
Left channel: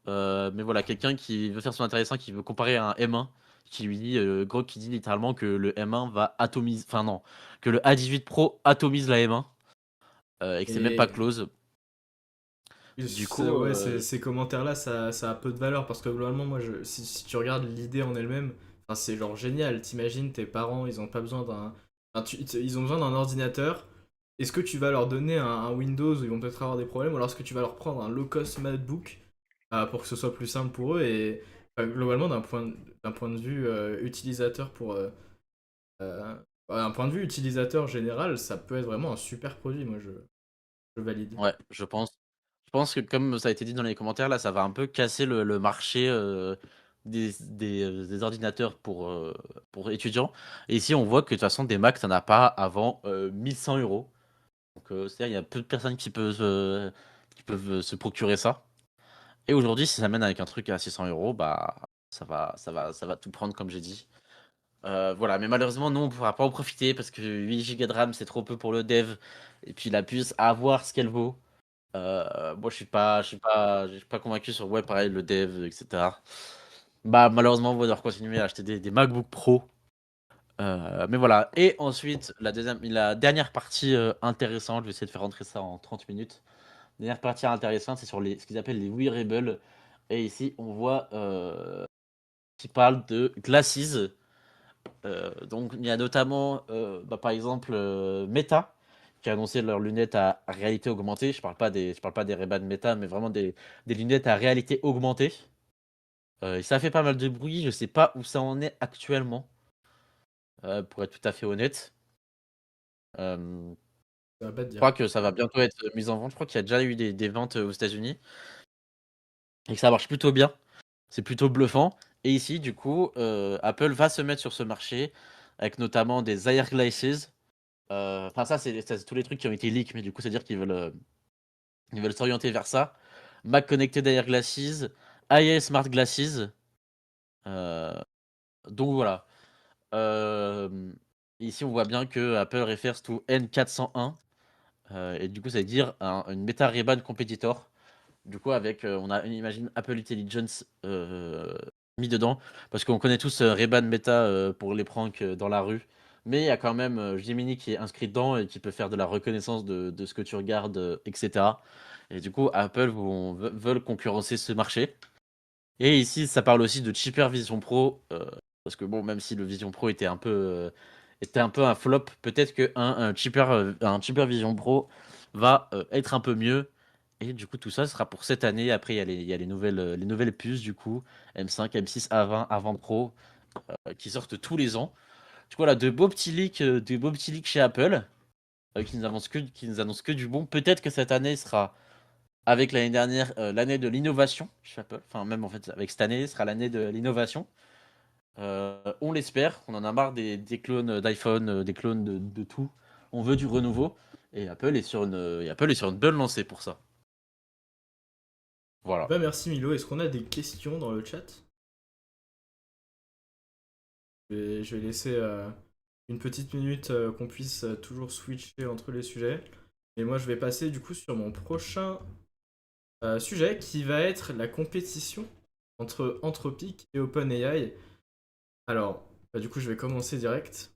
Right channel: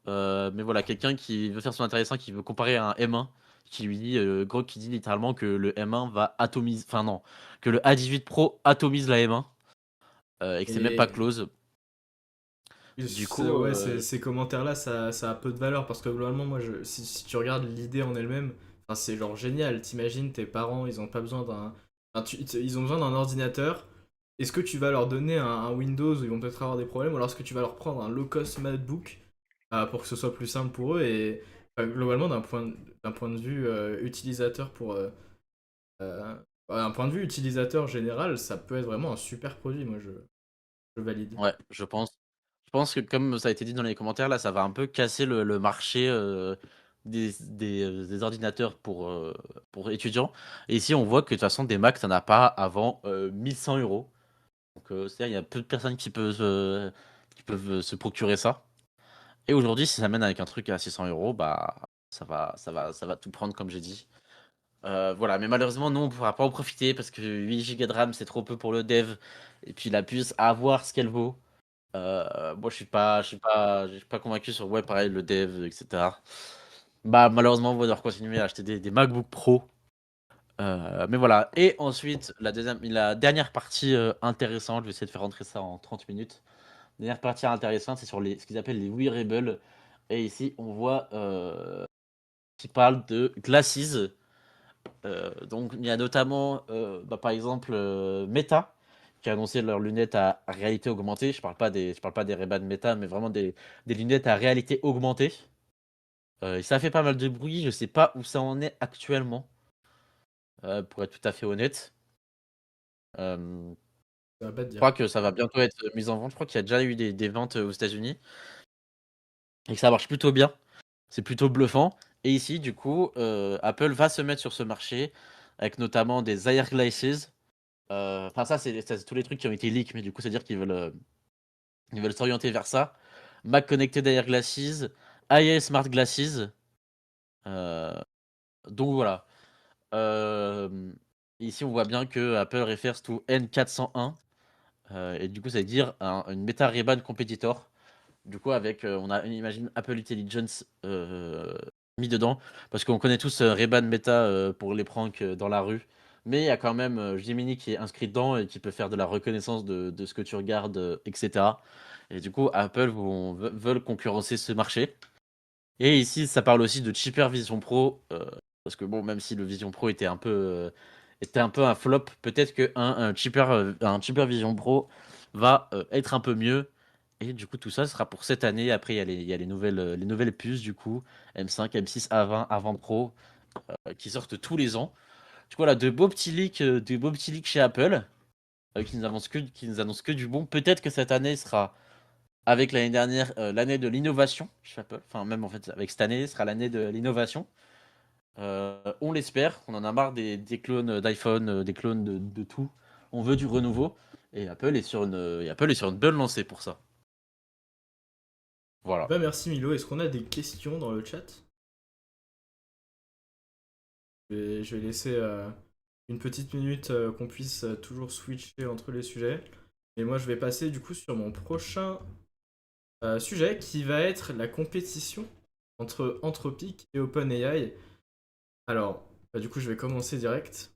Mais voilà, quelqu'un qui veut faire son intéressant, qui veut comparer à un M1, qui lui dit, gros, qui dit littéralement que le M1 va atomiser, enfin non, que le A18 Pro atomise la M1 et que c'est même pas Et close. Du coup, ouais, ces commentaires-là, ça a peu de valeur parce que globalement, moi, si tu regardes l'idée en elle-même, enfin, c'est genre génial. T'imagines tes parents, ils ont pas besoin d'un. Enfin, ils ont besoin d'un ordinateur. Est-ce que tu vas leur donner un Windows où ils vont peut-être avoir des problèmes ou alors est-ce que tu vas leur prendre un low-cost MacBook pour que ce soit plus simple pour eux et globalement, d'un point de vue utilisateur euh, un point de vue utilisateur général, ça peut être vraiment un super produit. Moi, je valide. ouais, je pense que comme ça a été dit dans les commentaires, là, ça va un peu casser le marché des ordinateurs pour étudiants. Et ici, on voit que de toute façon, des Mac, t'en as pas avant 1100 euros. Donc, c'est-à-dire, il y a peu de personnes qui peuvent se procurer ça. Et aujourd'hui, si ça mène avec un truc à 600 euros, bah, ça va tout prendre, comme j'ai dit. Voilà, mais malheureusement, nous, on ne pourra pas en profiter parce que 8 Go de RAM, c'est trop peu pour le dev. Et puis la puce, à voir ce qu'elle vaut. Moi, je suis pas convaincu sur ouais, pareil, le dev, etc. Bah, malheureusement, on va devoir continuer à acheter des MacBook Pro. Mais voilà. Et ensuite, la dernière partie intéressante, je vais essayer de faire rentrer ça en 30 minutes. La dernière partie intéressante, c'est sur ce qu'ils appellent les wearables. Et ici, on voit qui parle de glasses. Donc, il y a notamment, bah, par exemple, Meta, qui a annoncé leurs lunettes à réalité augmentée. Je parle pas des Ray-Ban Meta, mais vraiment des lunettes à réalité augmentée. Et ça fait pas mal de bruit. Je sais pas où ça en est actuellement, pour être tout à fait honnête. Euh, Ça va pas te je dire. crois que ça va bientôt être mis en vente. Je crois qu'il y a déjà eu des ventes aux États-Unis et que ça marche plutôt bien. C'est plutôt bluffant. Et ici, du coup, Apple va se mettre sur ce marché avec notamment des Air Glasses. Enfin, c'est tous les trucs qui ont été leaks, mais du coup, c'est-à-dire ils veulent s'orienter vers ça. Mac Connected Air Glasses, IA Smart Glasses. Euh, donc voilà. Euh, Ici, on voit bien que Apple refers to N401. Et du coup, ça veut dire une Meta Ray-Ban Competitor. Du coup, on a, imagine, Apple Intelligence mis dedans. Parce qu'on connaît tous Ray-Ban Meta pour les pranks dans la rue. Mais il y a quand même Gemini qui est inscrit dedans et qui peut faire de la reconnaissance de ce que tu regardes, etc. Et du coup, veulent concurrencer ce marché. Et ici, ça parle aussi de Cheaper Vision Pro. Parce que bon, même si le Vision Pro était un peu un flop, peut-être un Cheaper Vision Pro va être un peu mieux. Et du coup, tout ça sera pour cette année. Après, il y a les nouvelles puces, du coup, M5, M6, A20, A20 Pro, qui sortent tous les ans. Du coup, voilà, de beaux petits leaks chez Apple, qui nous annoncent que du bon. Peut-être que cette année sera, avec l'année dernière, l'année de l'innovation chez Apple. Enfin, même en fait, avec cette année, sera l'année de l'innovation. On l'espère. On en a marre des clones d'iPhone, des clones de tout. On veut du renouveau. Et Apple est sur une bonne lancée pour ça. Voilà. Bah merci Milo, est-ce qu'on a des questions dans le chat? Je vais laisser une petite minute qu'on puisse toujours switcher entre les sujets. Et moi je vais passer du coup sur mon prochain sujet qui va être la compétition entre Anthropic et OpenAI. Alors, bah, du coup je vais commencer direct.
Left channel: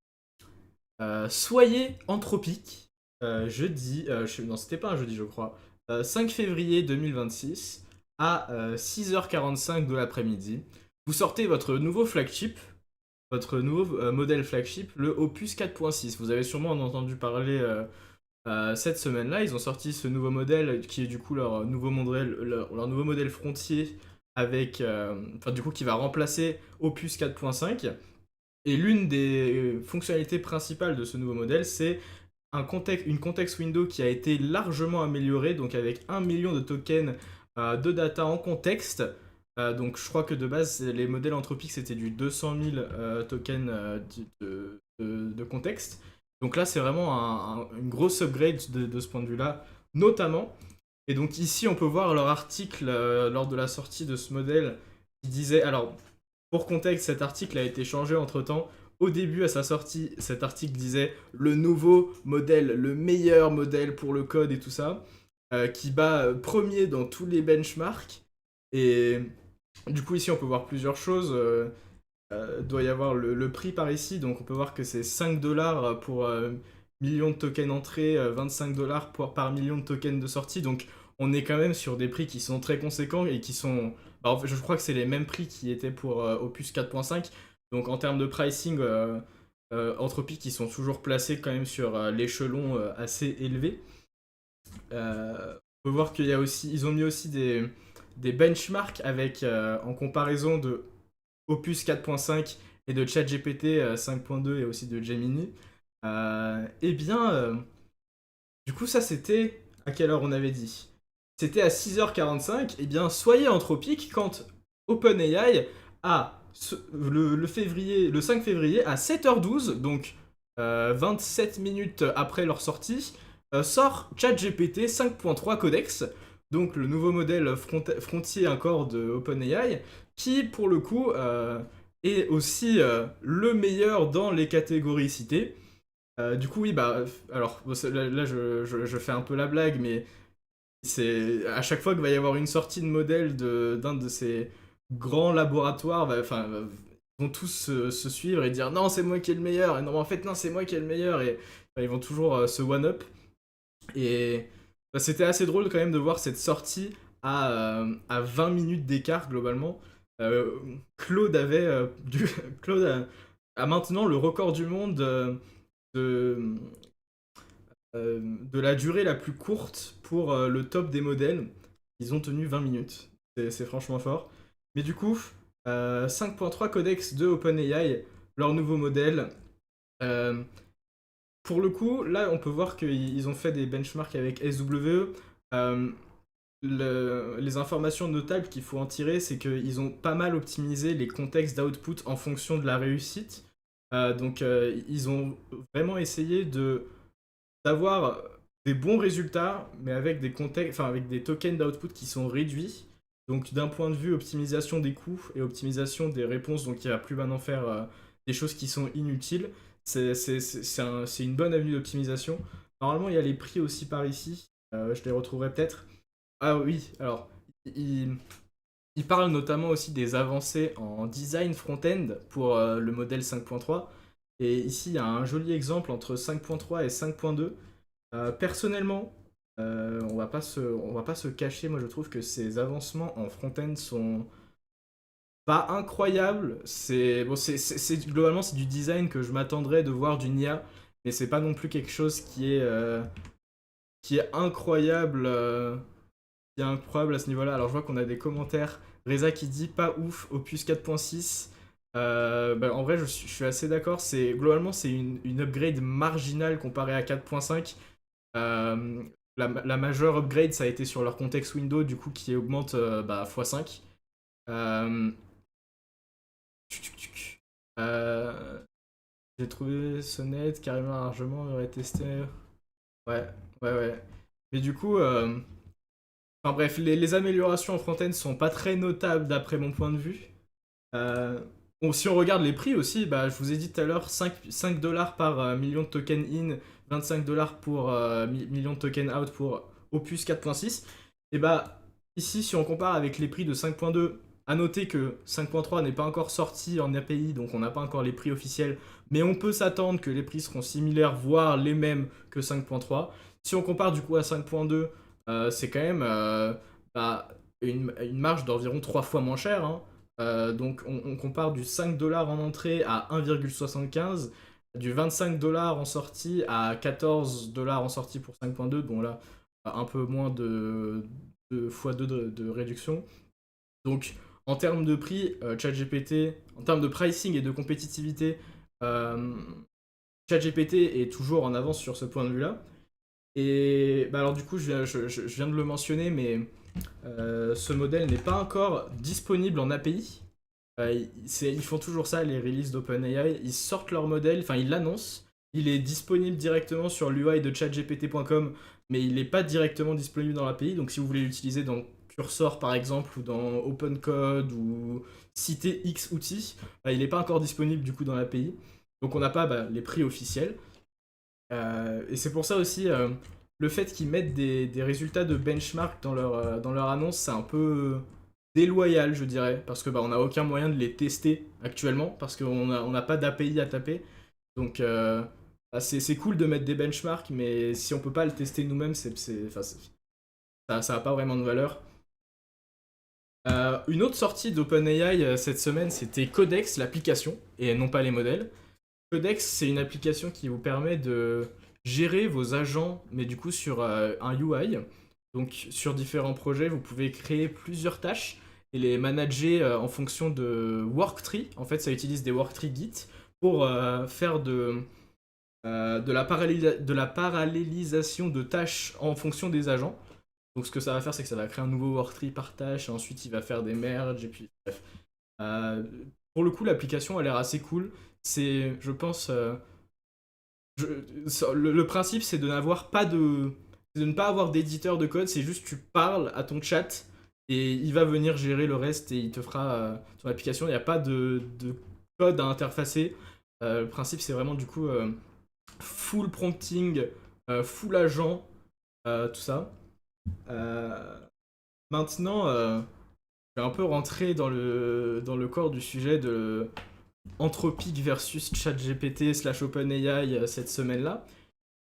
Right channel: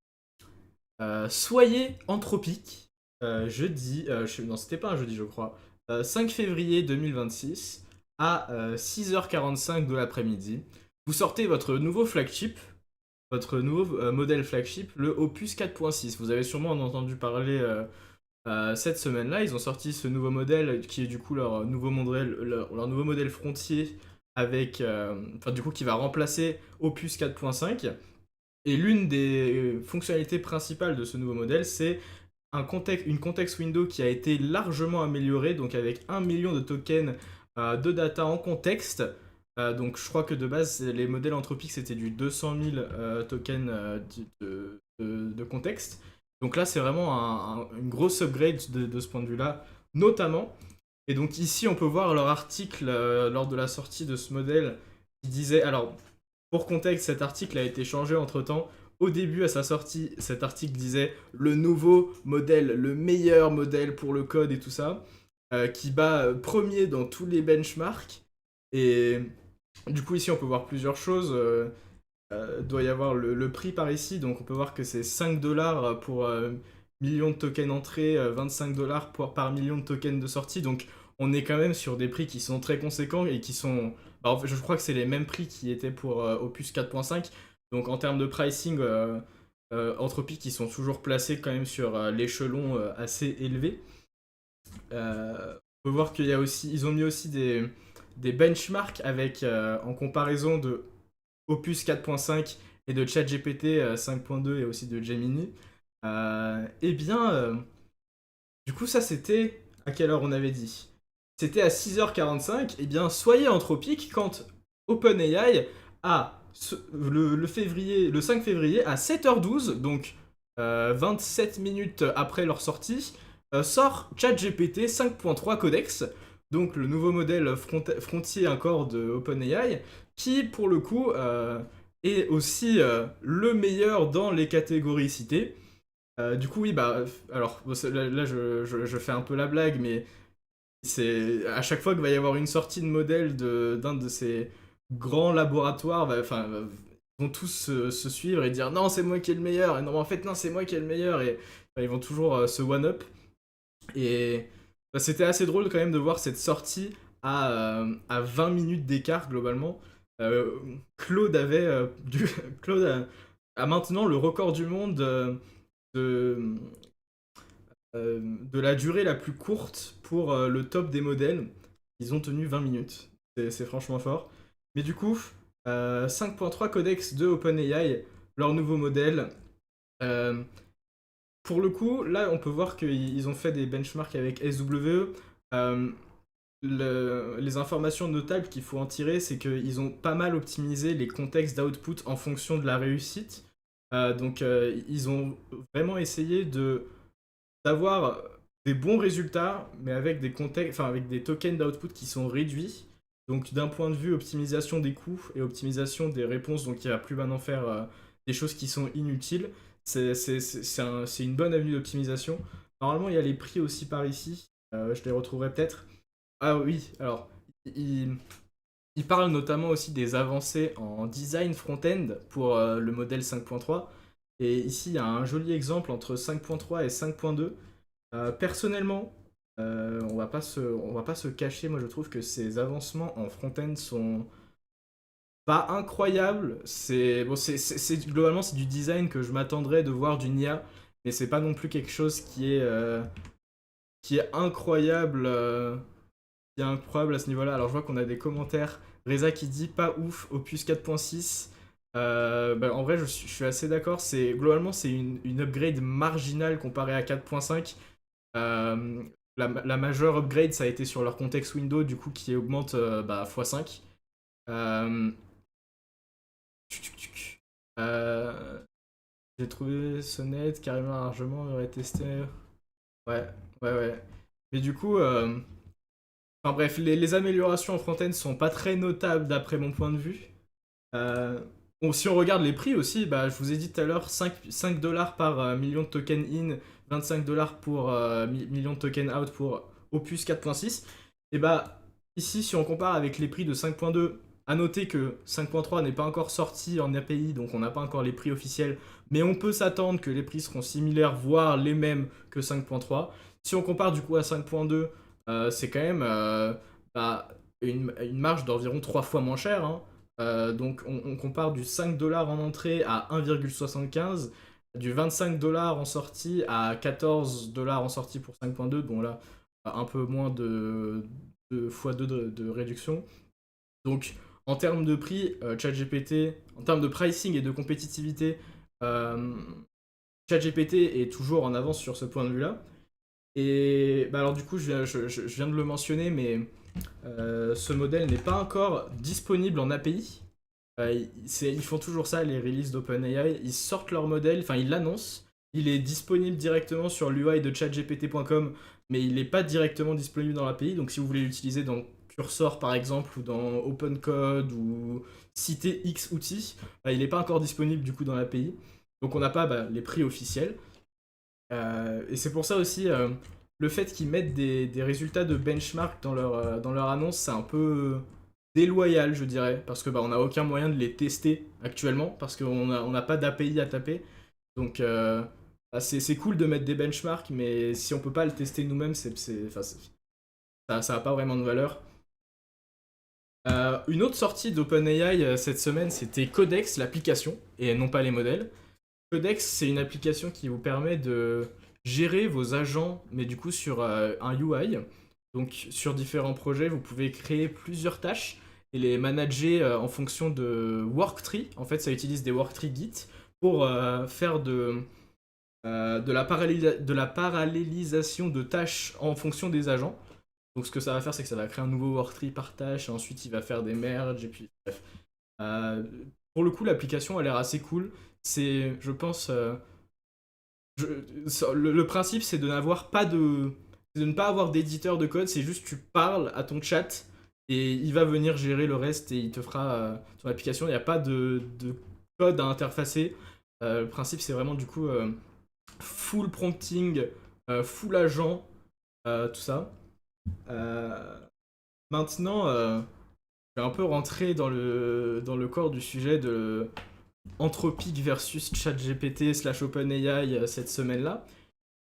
Soyez Anthropic, jeudi, non c'était pas un jeudi je crois, 5 février 2026 à 6h45 de l'après-midi. vous sortez votre nouveau modèle flagship, le Opus 4.6. Vous avez sûrement entendu parler cette semaine-là. Ils ont sorti ce nouveau modèle qui est du coup leur nouveau modèle Frontier avec, enfin du coup qui va remplacer Opus 4.5. Et l'une des fonctionnalités principales de ce nouveau modèle, c'est une context window qui a été largement améliorée, donc avec 1 million de tokens de data en contexte. Donc je crois que de base, les modèles anthropiques, c'était du 200 000 tokens de contexte. Donc là, c'est vraiment une grosse upgrade de ce point de vue-là, notamment. Et donc ici, on peut voir leur article lors de la sortie de ce modèle qui disait, alors pour contexte, cet article a été changé entre-temps. Au début, à sa sortie, cet article disait le nouveau modèle, le meilleur modèle pour le code et tout ça, qui bat premier dans tous les benchmarks. Et du coup, ici, on peut voir plusieurs choses. Doit y avoir le prix par ici, donc on peut voir que c'est 5 dollars pour million de tokens entrée, 25 dollars par million de tokens de sortie. Donc on est quand même sur des prix qui sont très conséquents et qui sont. Bah, en fait, je crois que c'est les mêmes prix qui étaient pour Opus 4.5. Donc en termes de pricing, Entropy qui sont toujours placés quand même sur l'échelon assez élevé. On peut voir qu'il y a aussi, ils ont mis aussi des benchmarks avec en comparaison de Opus 4.5 et de ChatGPT 5.2 et aussi de Gemini. Eh bien, du coup, ça c'était à quelle heure on avait dit? C'était à 6h45. Eh bien, soyez anthropique quand OpenAI a le 5 février à 7h12, donc 27 minutes après leur sortie, sort ChatGPT 5.3 Codex, donc le nouveau modèle frontier encore de OpenAI, qui pour le coup est aussi le meilleur dans les catégories citées. Du coup, oui, bah, alors bon, là, je fais un peu la blague, mais c'est à chaque fois qu'il va y avoir une sortie de modèle d'un de ces grands laboratoires, enfin, ils vont tous se suivre et dire non, c'est moi qui est le meilleur, et non, en fait, non, c'est moi qui est le meilleur, et ils vont toujours se one-up. Et bah, c'était assez drôle quand même de voir cette sortie à 20 minutes d'écart globalement. Euh, Claude avait Claude a maintenant le record du monde de, de la durée la plus courte pour le top des modèles. Ils ont tenu 20 minutes. C'est franchement fort. Mais du coup, 5.3 Codex de OpenAI, leur nouveau modèle. Euh, pour le coup, là, on peut voir qu'ils ont fait des benchmarks avec SWE. Euh, les informations notables qu'il faut en tirer, c'est qu'ils ont pas mal optimisé les contextes d'output en fonction de la réussite. Donc, ils ont vraiment essayé d'avoir des bons résultats, mais avec des contextes, enfin, avec des tokens d'output qui sont réduits. Donc, d'un point de vue optimisation des coûts et optimisation des réponses, donc il va plus maintenant faire des choses qui sont inutiles. C'est une bonne avenue d'optimisation. Normalement, il y a les prix aussi par ici. Je les retrouverai peut-être. Ah oui, alors, il, il parle notamment aussi des avancées en design front-end pour le modèle 5.3. Et ici, il y a un joli exemple entre 5.3 et 5.2. Personnellement, on va pas se cacher. Moi, je trouve que ces avancements en front-end sont pas incroyables. Globalement, c'est du design que je m'attendrais de voir d'une IA, mais c'est pas non plus quelque chose qui est incroyable. Qui est incroyable à ce niveau-là. Alors, je vois qu'on a des commentaires. Reza qui dit pas ouf, Opus 4.6. Bah, en vrai, je suis assez d'accord. Globalement, c'est une upgrade marginale comparée à 4.5. La majeure upgrade, ça a été sur leur contexte window, du coup, qui augmente bah, x5. Euh, euh, j'ai trouvé Sonnet carrément largement, aurait testé. Ouais, ouais. Mais du coup, enfin bref, les améliorations en front-end sont pas très notables d'après mon point de vue. Euh, bon, si on regarde les prix aussi, bah, je vous ai dit tout à l'heure, 5 dollars par million de tokens in, 25 dollars pour million de tokens out pour Opus 4.6. Et bah, ici, si on compare avec les prix de 5.2, à noter que 5.3 n'est pas encore sorti en API, donc on n'a pas encore les prix officiels, mais on peut s'attendre que les prix seront similaires, voire les mêmes que 5.3. Si on compare du coup à 5.2, c'est quand même bah, une marge d'environ 3 fois moins cher, hein. Donc on compare du 5 $ en entrée à 1,75, du 25 $ en sortie à 14 $ en sortie pour 5.2. Bon là, un peu moins de x2 de réduction. Donc en termes de prix, ChatGPT, en termes de pricing et de compétitivité, euh, ChatGPT est toujours en avance sur ce point de vue-là. Et bah alors du coup, je viens de le mentionner, mais ce modèle n'est pas encore disponible en API. Ils font toujours ça, les releases d'OpenAI. Ils sortent leur modèle, enfin ils l'annoncent. Il est disponible directement sur l'UI de chatgpt.com, mais il n'est pas directement disponible dans l'API. Donc si vous voulez l'utiliser dans Cursor par exemple, ou dans OpenCode, ou citer X outils, bah, il n'est pas encore disponible du coup dans l'API. Donc on n'a pas les prix officiels. Et c'est pour ça aussi, le fait qu'ils mettent des résultats de benchmark dans leur annonce, c'est un peu déloyal, je dirais, parce que on n'a aucun moyen de les tester actuellement, parce on n'a pas d'API à taper. Donc c'est cool de mettre des benchmarks, mais si on peut pas le tester nous-mêmes, ça n'a pas vraiment de valeur. Une autre sortie d'OpenAI cette semaine, c'était Codex, l'application, et non pas les modèles. Codex, c'est une application qui vous permet de gérer vos agents, mais du coup sur un UI. Donc sur différents projets, vous pouvez créer plusieurs tâches et les manager en fonction de worktree. En fait, ça utilise des worktree Git pour faire de la parallélisation de tâches en fonction des agents. Donc ce que ça va faire, c'est que ça va créer un nouveau worktree par tâche, et ensuite il va faire des merges, et puis bref. Euh, pour le coup, l'application a l'air assez cool. C'est, je pense, le principe, c'est de n'avoir pas c'est de ne pas avoir d'éditeur de code. C'est juste tu parles à ton chat et il va venir gérer le reste et il te fera ton application. Il n'y a pas de code à interfacer. Le principe, c'est vraiment du coup full prompting, full agent, tout ça. Euh, Maintenant, je vais un peu rentrer dans le corps du sujet de Anthropic versus ChatGPT slash OpenAI cette semaine-là.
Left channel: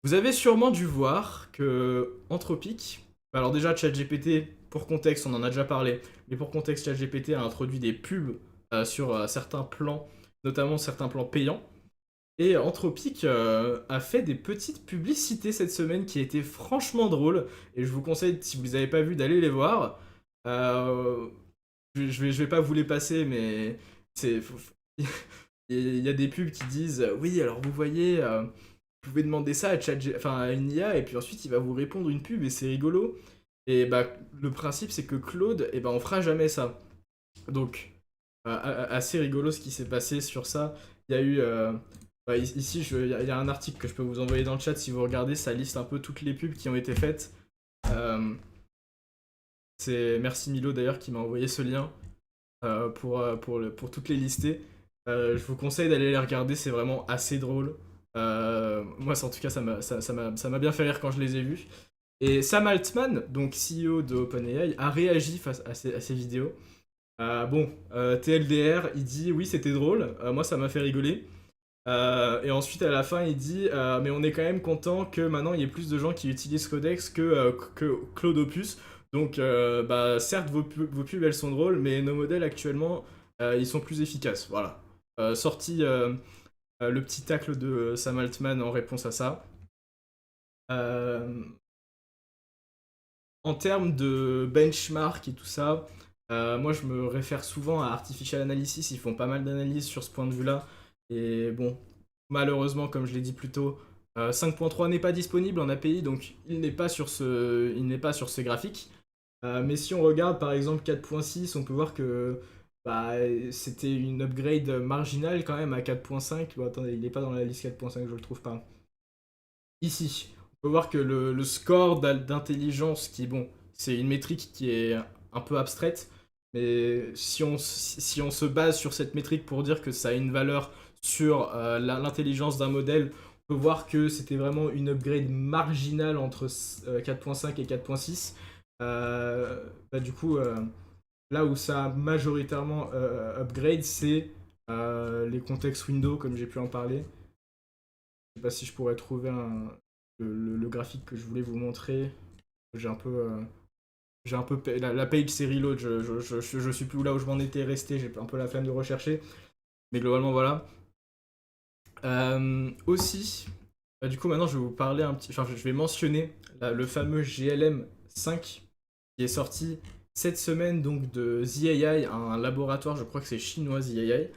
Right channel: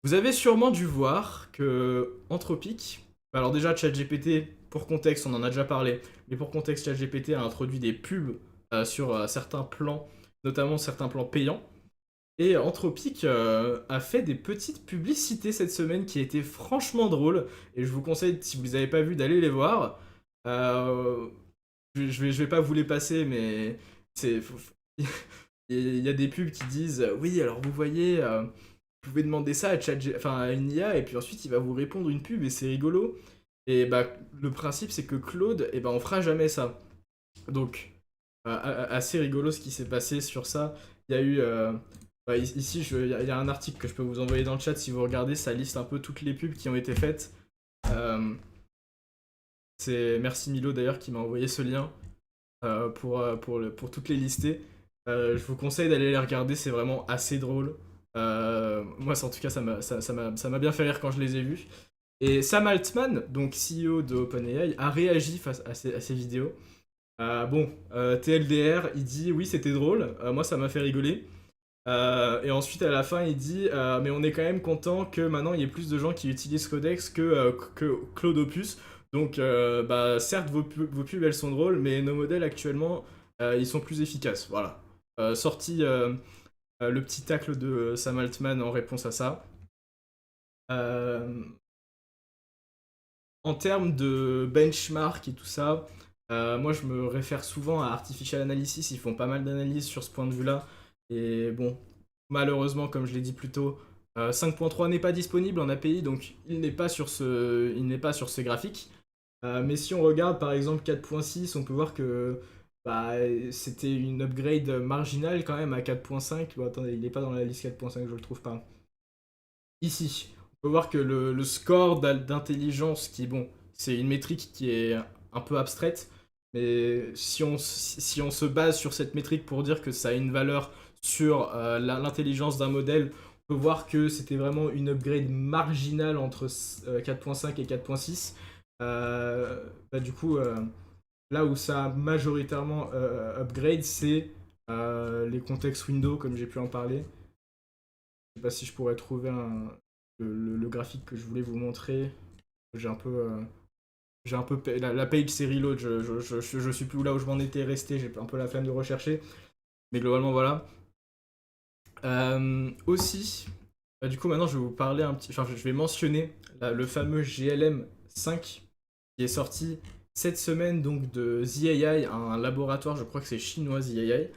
Vous avez sûrement dû voir que Anthropic, alors déjà ChatGPT, pour contexte, on en a déjà parlé, mais pour contexte, ChatGPT a introduit des pubs sur certains plans, notamment certains plans payants. Et Anthropic a fait des petites publicités cette semaine qui étaient franchement drôles. Et je vous conseille, si vous les avez pas vues, d'aller les voir. Euh, je vais pas vous les passer, mais c'est il y a des pubs qui disent oui, alors vous voyez, vous pouvez demander ça à, enfin, à une IA et puis ensuite il va vous répondre une pub et c'est rigolo. Et bah le principe c'est que Claude, et ben on fera jamais ça. Donc assez rigolo ce qui s'est passé sur ça. Il y a eu ici il y a un article que je peux vous envoyer dans le chat si vous regardez, ça liste un peu toutes les pubs qui ont été faites. Euh, c'est merci Milo d'ailleurs qui m'a envoyé ce lien pour toutes les lister. Je vous conseille d'aller les regarder, c'est vraiment assez drôle. Moi, en tout cas, ça m'a bien fait rire quand je les ai vus. Et Sam Altman, donc CEO de OpenAI, a réagi face à ces vidéos. TLDR, il dit oui, c'était drôle, moi ça m'a fait rigoler. Et ensuite, à la fin, il dit mais on est quand même content que maintenant il y ait plus de gens qui utilisent Codex que Claude Opus. Donc, certes, vos pubs elles sont drôles, mais nos modèles actuellement ils sont plus efficaces. Voilà. Sorti le petit tacle de Sam Altman en réponse à ça. Euh, En termes de benchmark et tout ça, moi je me réfère souvent à Artificial Analysis, ils font pas mal d'analyses sur ce point de vue-là. Et bon, malheureusement, comme je l'ai dit plus tôt, 5.3 n'est pas disponible en API, donc il n'est pas sur ce graphique. Mais si on regarde par exemple 4.6, on peut voir que bah, c'était une upgrade marginale quand même à 4.5. Bon, attendez, il n'est pas dans la liste 4.5, je le trouve pas. Ici, on peut voir que le score d'intelligence, qui bon, c'est une métrique qui est un peu abstraite, mais si on se base sur cette métrique pour dire que ça a une valeur sur l'intelligence d'un modèle, on peut voir que c'était vraiment une upgrade marginale entre 4.5 et 4.6. Du coup, là où ça a majoritairement upgrade, c'est les contextes window, comme j'ai pu en parler. Je sais pas si je pourrais trouver le graphique que je voulais vous montrer. J'ai un peu. j'ai un peu la page c'est reload, je suis plus là où je m'en étais resté, j'ai un peu la flemme de rechercher, mais globalement voilà. Aussi, du coup maintenant je vais vous parler un petit, enfin je vais mentionner le fameux GLM 5 qui est sorti cette semaine donc de ZAI, un laboratoire, je crois que c'est chinois ZAI.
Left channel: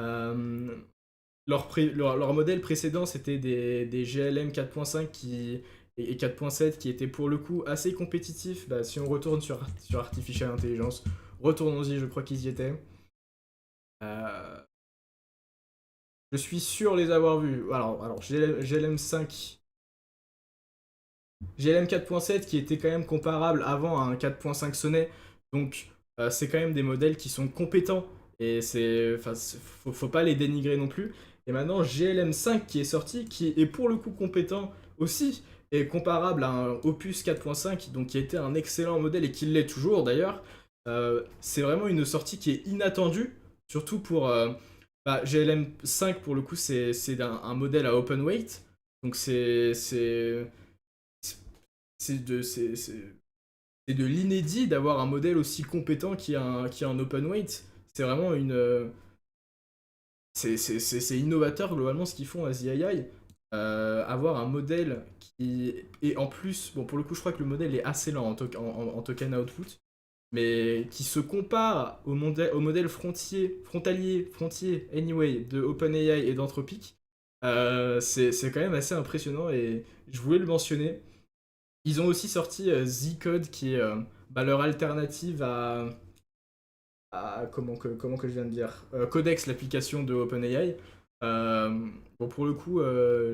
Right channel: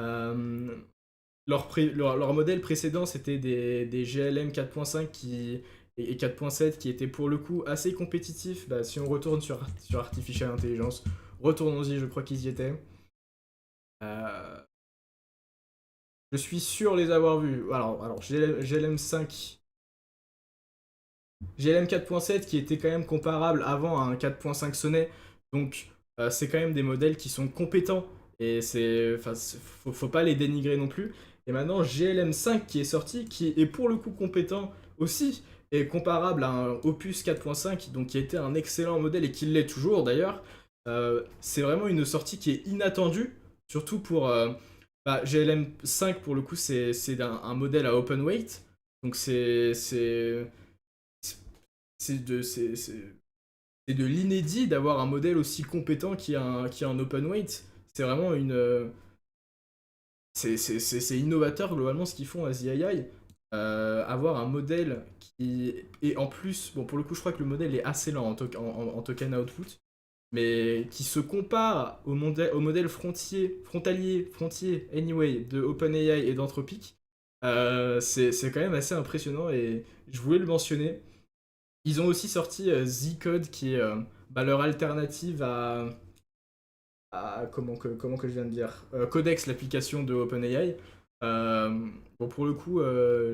Euh, leur modèle précédent, c'était des GLM 4.5 et 4.7 qui étaient pour le coup assez compétitifs. Bah, si on retourne sur Artificial Intelligence, retournons-y, je crois qu'ils y étaient. Euh, je suis sûr les avoir vus. Alors GLM 5, GLM 4.7 qui était quand même comparable avant à un 4.5 Sonnet. Donc c'est quand même des modèles qui sont compétents et faut pas les dénigrer non plus. Et maintenant GLM 5 qui est sorti, qui est pour le coup compétent aussi, et comparable à un Opus 4.5, donc qui était un excellent modèle et qui l'est toujours d'ailleurs. C'est vraiment une sortie qui est inattendue, surtout pour GLM 5 pour le coup c'est un modèle à open weight, donc c'est de l'inédit d'avoir un modèle aussi compétent qui a un open weight. C'est vraiment une. C'est innovateur globalement ce qu'ils font à ZII. Avoir un modèle qui. Et en plus, bon, pour le coup, je crois que le modèle est assez lent en token output, mais qui se compare au modèle frontier, anyway, de OpenAI et d'Anthropic. C'est quand même assez impressionnant et je voulais le mentionner. Ils ont aussi sorti Z-Code, qui est leur alternative comment que je viens de dire Codex, l'application de OpenAI. Bon, pour le coup,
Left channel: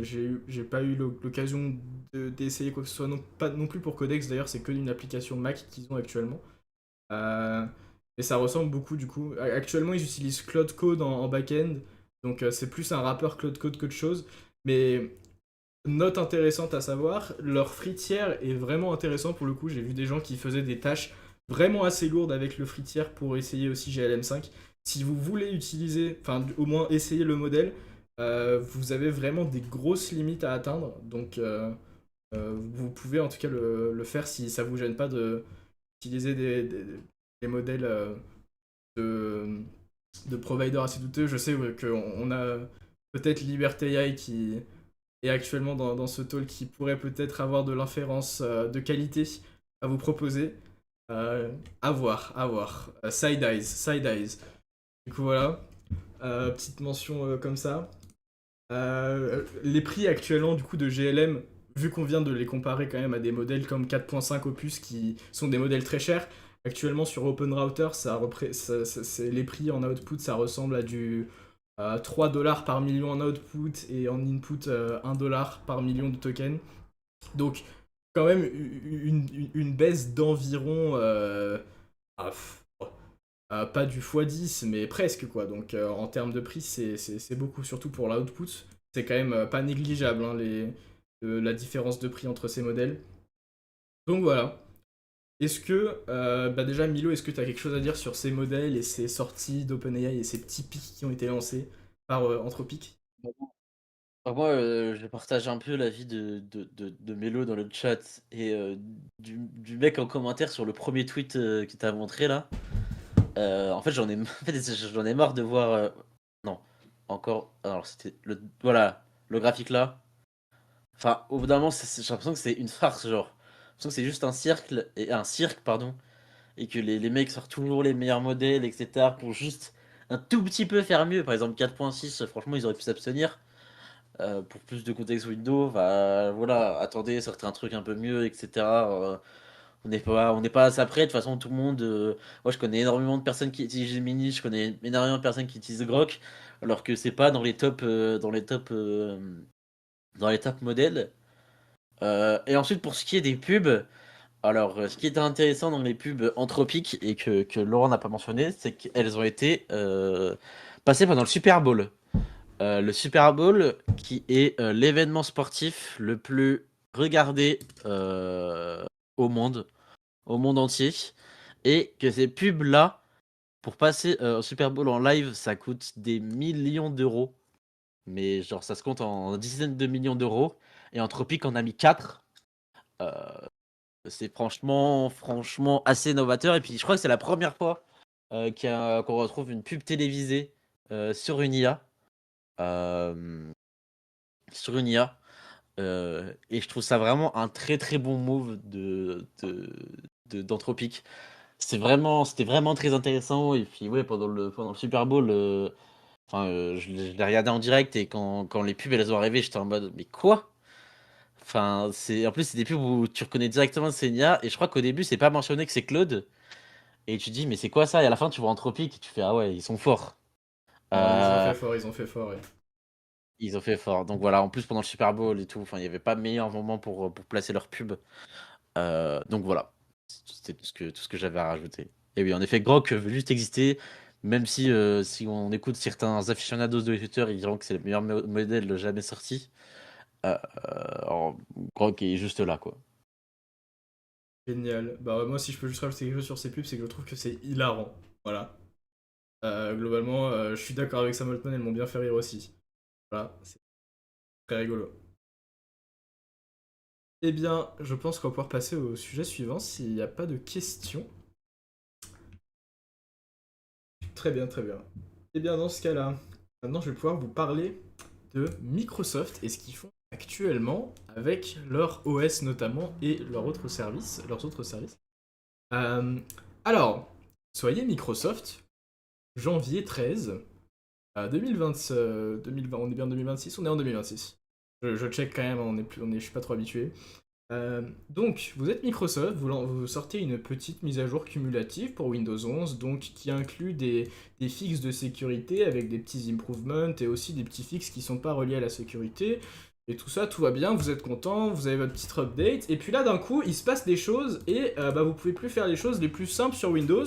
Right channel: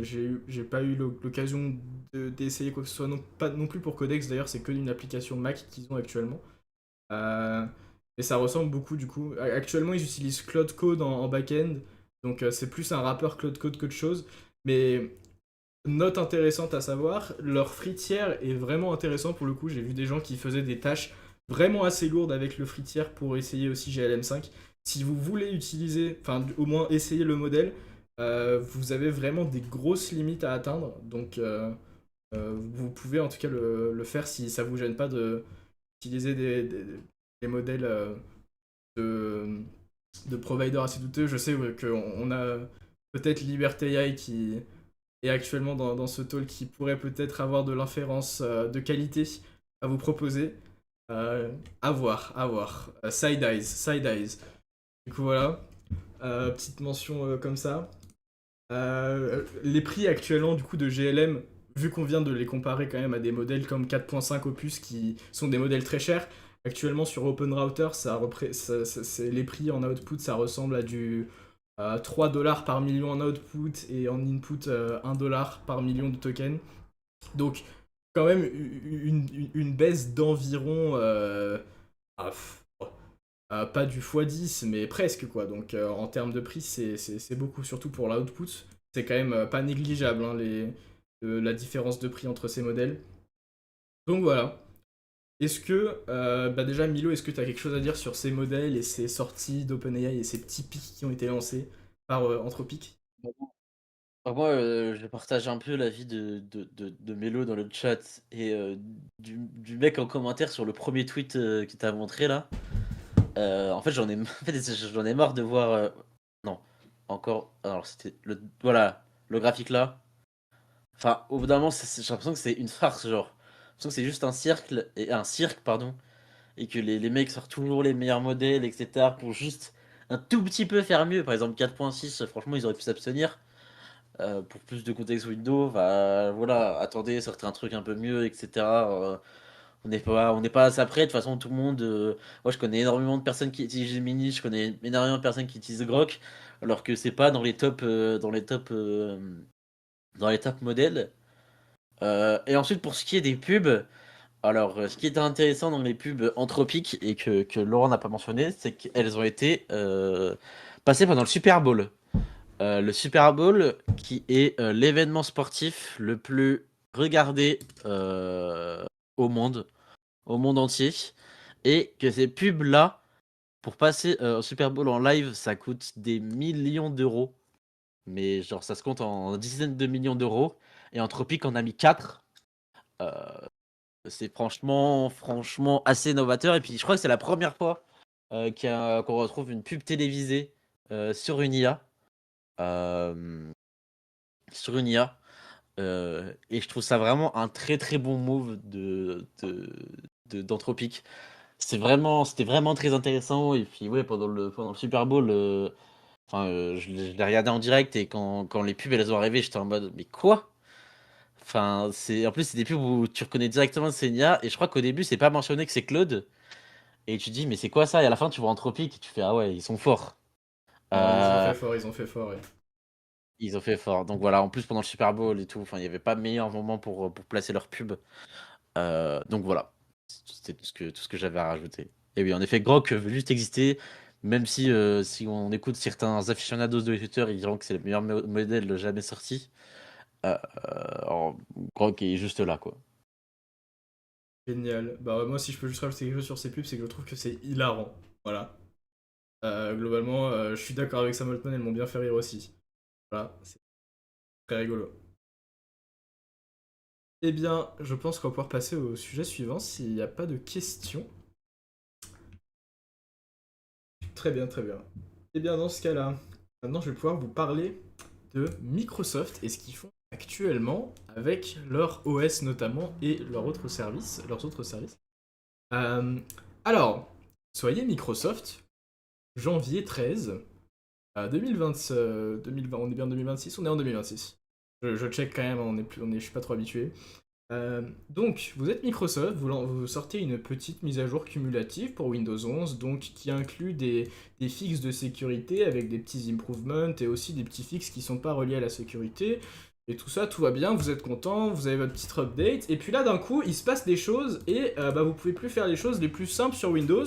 j'ai pas eu l'occasion d'essayer quoi que ce soit, non, pas non plus pour Codex, d'ailleurs, c'est que une application Mac qu'ils ont actuellement. Euh, et ça ressemble beaucoup du coup. Actuellement, ils utilisent Cloud Code en back-end, donc c'est plus un wrapper Cloud Code qu'autre chose. Mais note intéressante à savoir, leur fritière est vraiment intéressant pour le coup. J'ai vu des gens qui faisaient des tâches vraiment assez lourdes avec le fritière pour essayer aussi GLM5. Si vous voulez utiliser, enfin au moins essayer le modèle, vous avez vraiment des grosses limites à atteindre. Donc vous pouvez en tout cas le faire si ça vous gêne pas d'utiliser des modèles de, de providers assez douteux. Je sais ouais, qu'on a peut-être Liberté AI qui et actuellement dans ce talk qui pourrait peut-être avoir de l'inférence de qualité à vous proposer. À voir, à voir. Side eyes, side eyes. Du coup voilà, petite mention comme ça. Les prix actuellement du coup de GLM, vu qu'on vient de les comparer quand même à des modèles comme 4.5 Opus qui sont des modèles très chers, actuellement sur OpenRouter, les prix en output ça ressemble à du 3 dollars par million en output et en input 1 dollar par million de tokens. Donc quand même une baisse d'environ ah, pas du x10 mais presque quoi. Donc en termes de prix c'est beaucoup, surtout pour l'output. C'est quand même pas négligeable hein, la différence de prix entre ces modèles. Donc voilà. Est-ce que, déjà Milo, est-ce que tu as quelque chose à dire sur ces modèles et ces sorties d'OpenAI et ces petits pics qui ont été lancés par Anthropic? Moi, je partage un peu l'avis de Mélo dans le chat et du mec en commentaire sur le premier tweet qui t'a montré là. En fait, en fait, j'en ai marre de voir. Non, encore. Alors, c'était le. Voilà, le graphique là. Enfin, au bout d'un moment, j'ai l'impression que c'est une farce, genre. J'ai l'impression que c'est juste un cirque, pardon, et que les mecs sortent toujours les meilleurs modèles, etc., pour juste un tout petit peu faire mieux. Par exemple, 4.6, franchement, ils auraient pu s'abstenir. Pour plus de contexte Windows, bah, voilà, attendez, sortez un truc un peu mieux, etc. On n'est pas assez près. De toute façon, tout le monde. Moi, je connais énormément de personnes qui utilisent Gemini, je connais énormément de personnes qui utilisent Grok, alors que c'est pas dans les top modèles. Et ensuite, pour ce qui est des pubs, alors, ce qui est intéressant dans les pubs anthropiques et que Laurent n'a pas mentionné, c'est qu'elles ont été passées pendant le Super Bowl. Le Super Bowl, qui est l'événement sportif le plus regardé au monde, au monde entier, et que ces pubs-là, pour passer au Super Bowl en live, ça coûte des millions d'euros, mais genre ça se compte en dizaines de millions d'euros, et Anthropic en a mis 4. C'est franchement assez novateur. Et puis, je crois que c'est la première fois qu'on retrouve une pub télévisée sur une IA. euh, sur une IA. Et je trouve ça vraiment un très très bon move d'Anthropic. C'était vraiment très intéressant. Et puis, ouais, pendant le Super Bowl, enfin, je l'ai regardé en direct. Et quand les pubs elles ont arrivé, j'étais en mode, mais quoi? Enfin, en plus, c'est des pubs où tu reconnais directement que c'est une IA. Et je crois qu'au début, c'est pas mentionné que c'est Claude. Et tu te dis, mais c'est quoi ça? Et à la fin, tu vois Anthropic et tu fais, ah ouais, ils sont forts. Non, ils ont Euh, fait fort, ils ont fait fort. Ouais. Ils ont fait fort. Donc voilà, en plus, pendant le Super Bowl et tout, enfin, il n'y avait pas meilleur moment pour placer leur pub. Donc voilà, c'était tout ce que j'avais à rajouter. Et oui, en effet, Grok veut juste exister, même si on écoute certains aficionados de Twitter, ils diront que c'est le meilleur modèle jamais sorti. Alors, Grok est juste là, quoi. Génial. Bah moi si je peux juste rajouter quelque chose sur ces pubs, c'est que je trouve que c'est hilarant. Voilà. Globalement, je suis d'accord avec Sam Altman, elles m'ont bien fait rire aussi. Voilà, c'est très rigolo. Eh bien, je pense qu'on va pouvoir passer au sujet suivant s'il n'y a pas de questions. Très bien, très bien. Eh bien, dans ce cas-là, maintenant je vais pouvoir vous parler de Microsoft et ce qu'ils font actuellement avec leur OS notamment et leurs autres services. Euh, alors, soyez Microsoft, janvier 13, 2020, 2020, on est bien en 2026, on est en 2026. Je check quand même, je suis pas trop habitué. Donc, vous êtes Microsoft, vous sortez une petite mise à jour cumulative pour Windows 11, donc qui inclut des fixes de sécurité avec des petits improvements et aussi des petits fixes qui sont pas reliés à la sécurité. Et tout ça, tout va bien, vous êtes content, vous avez votre petite update, et puis là d'un coup, il se passe des choses et bah, vous pouvez plus faire les choses les plus simples sur Windows.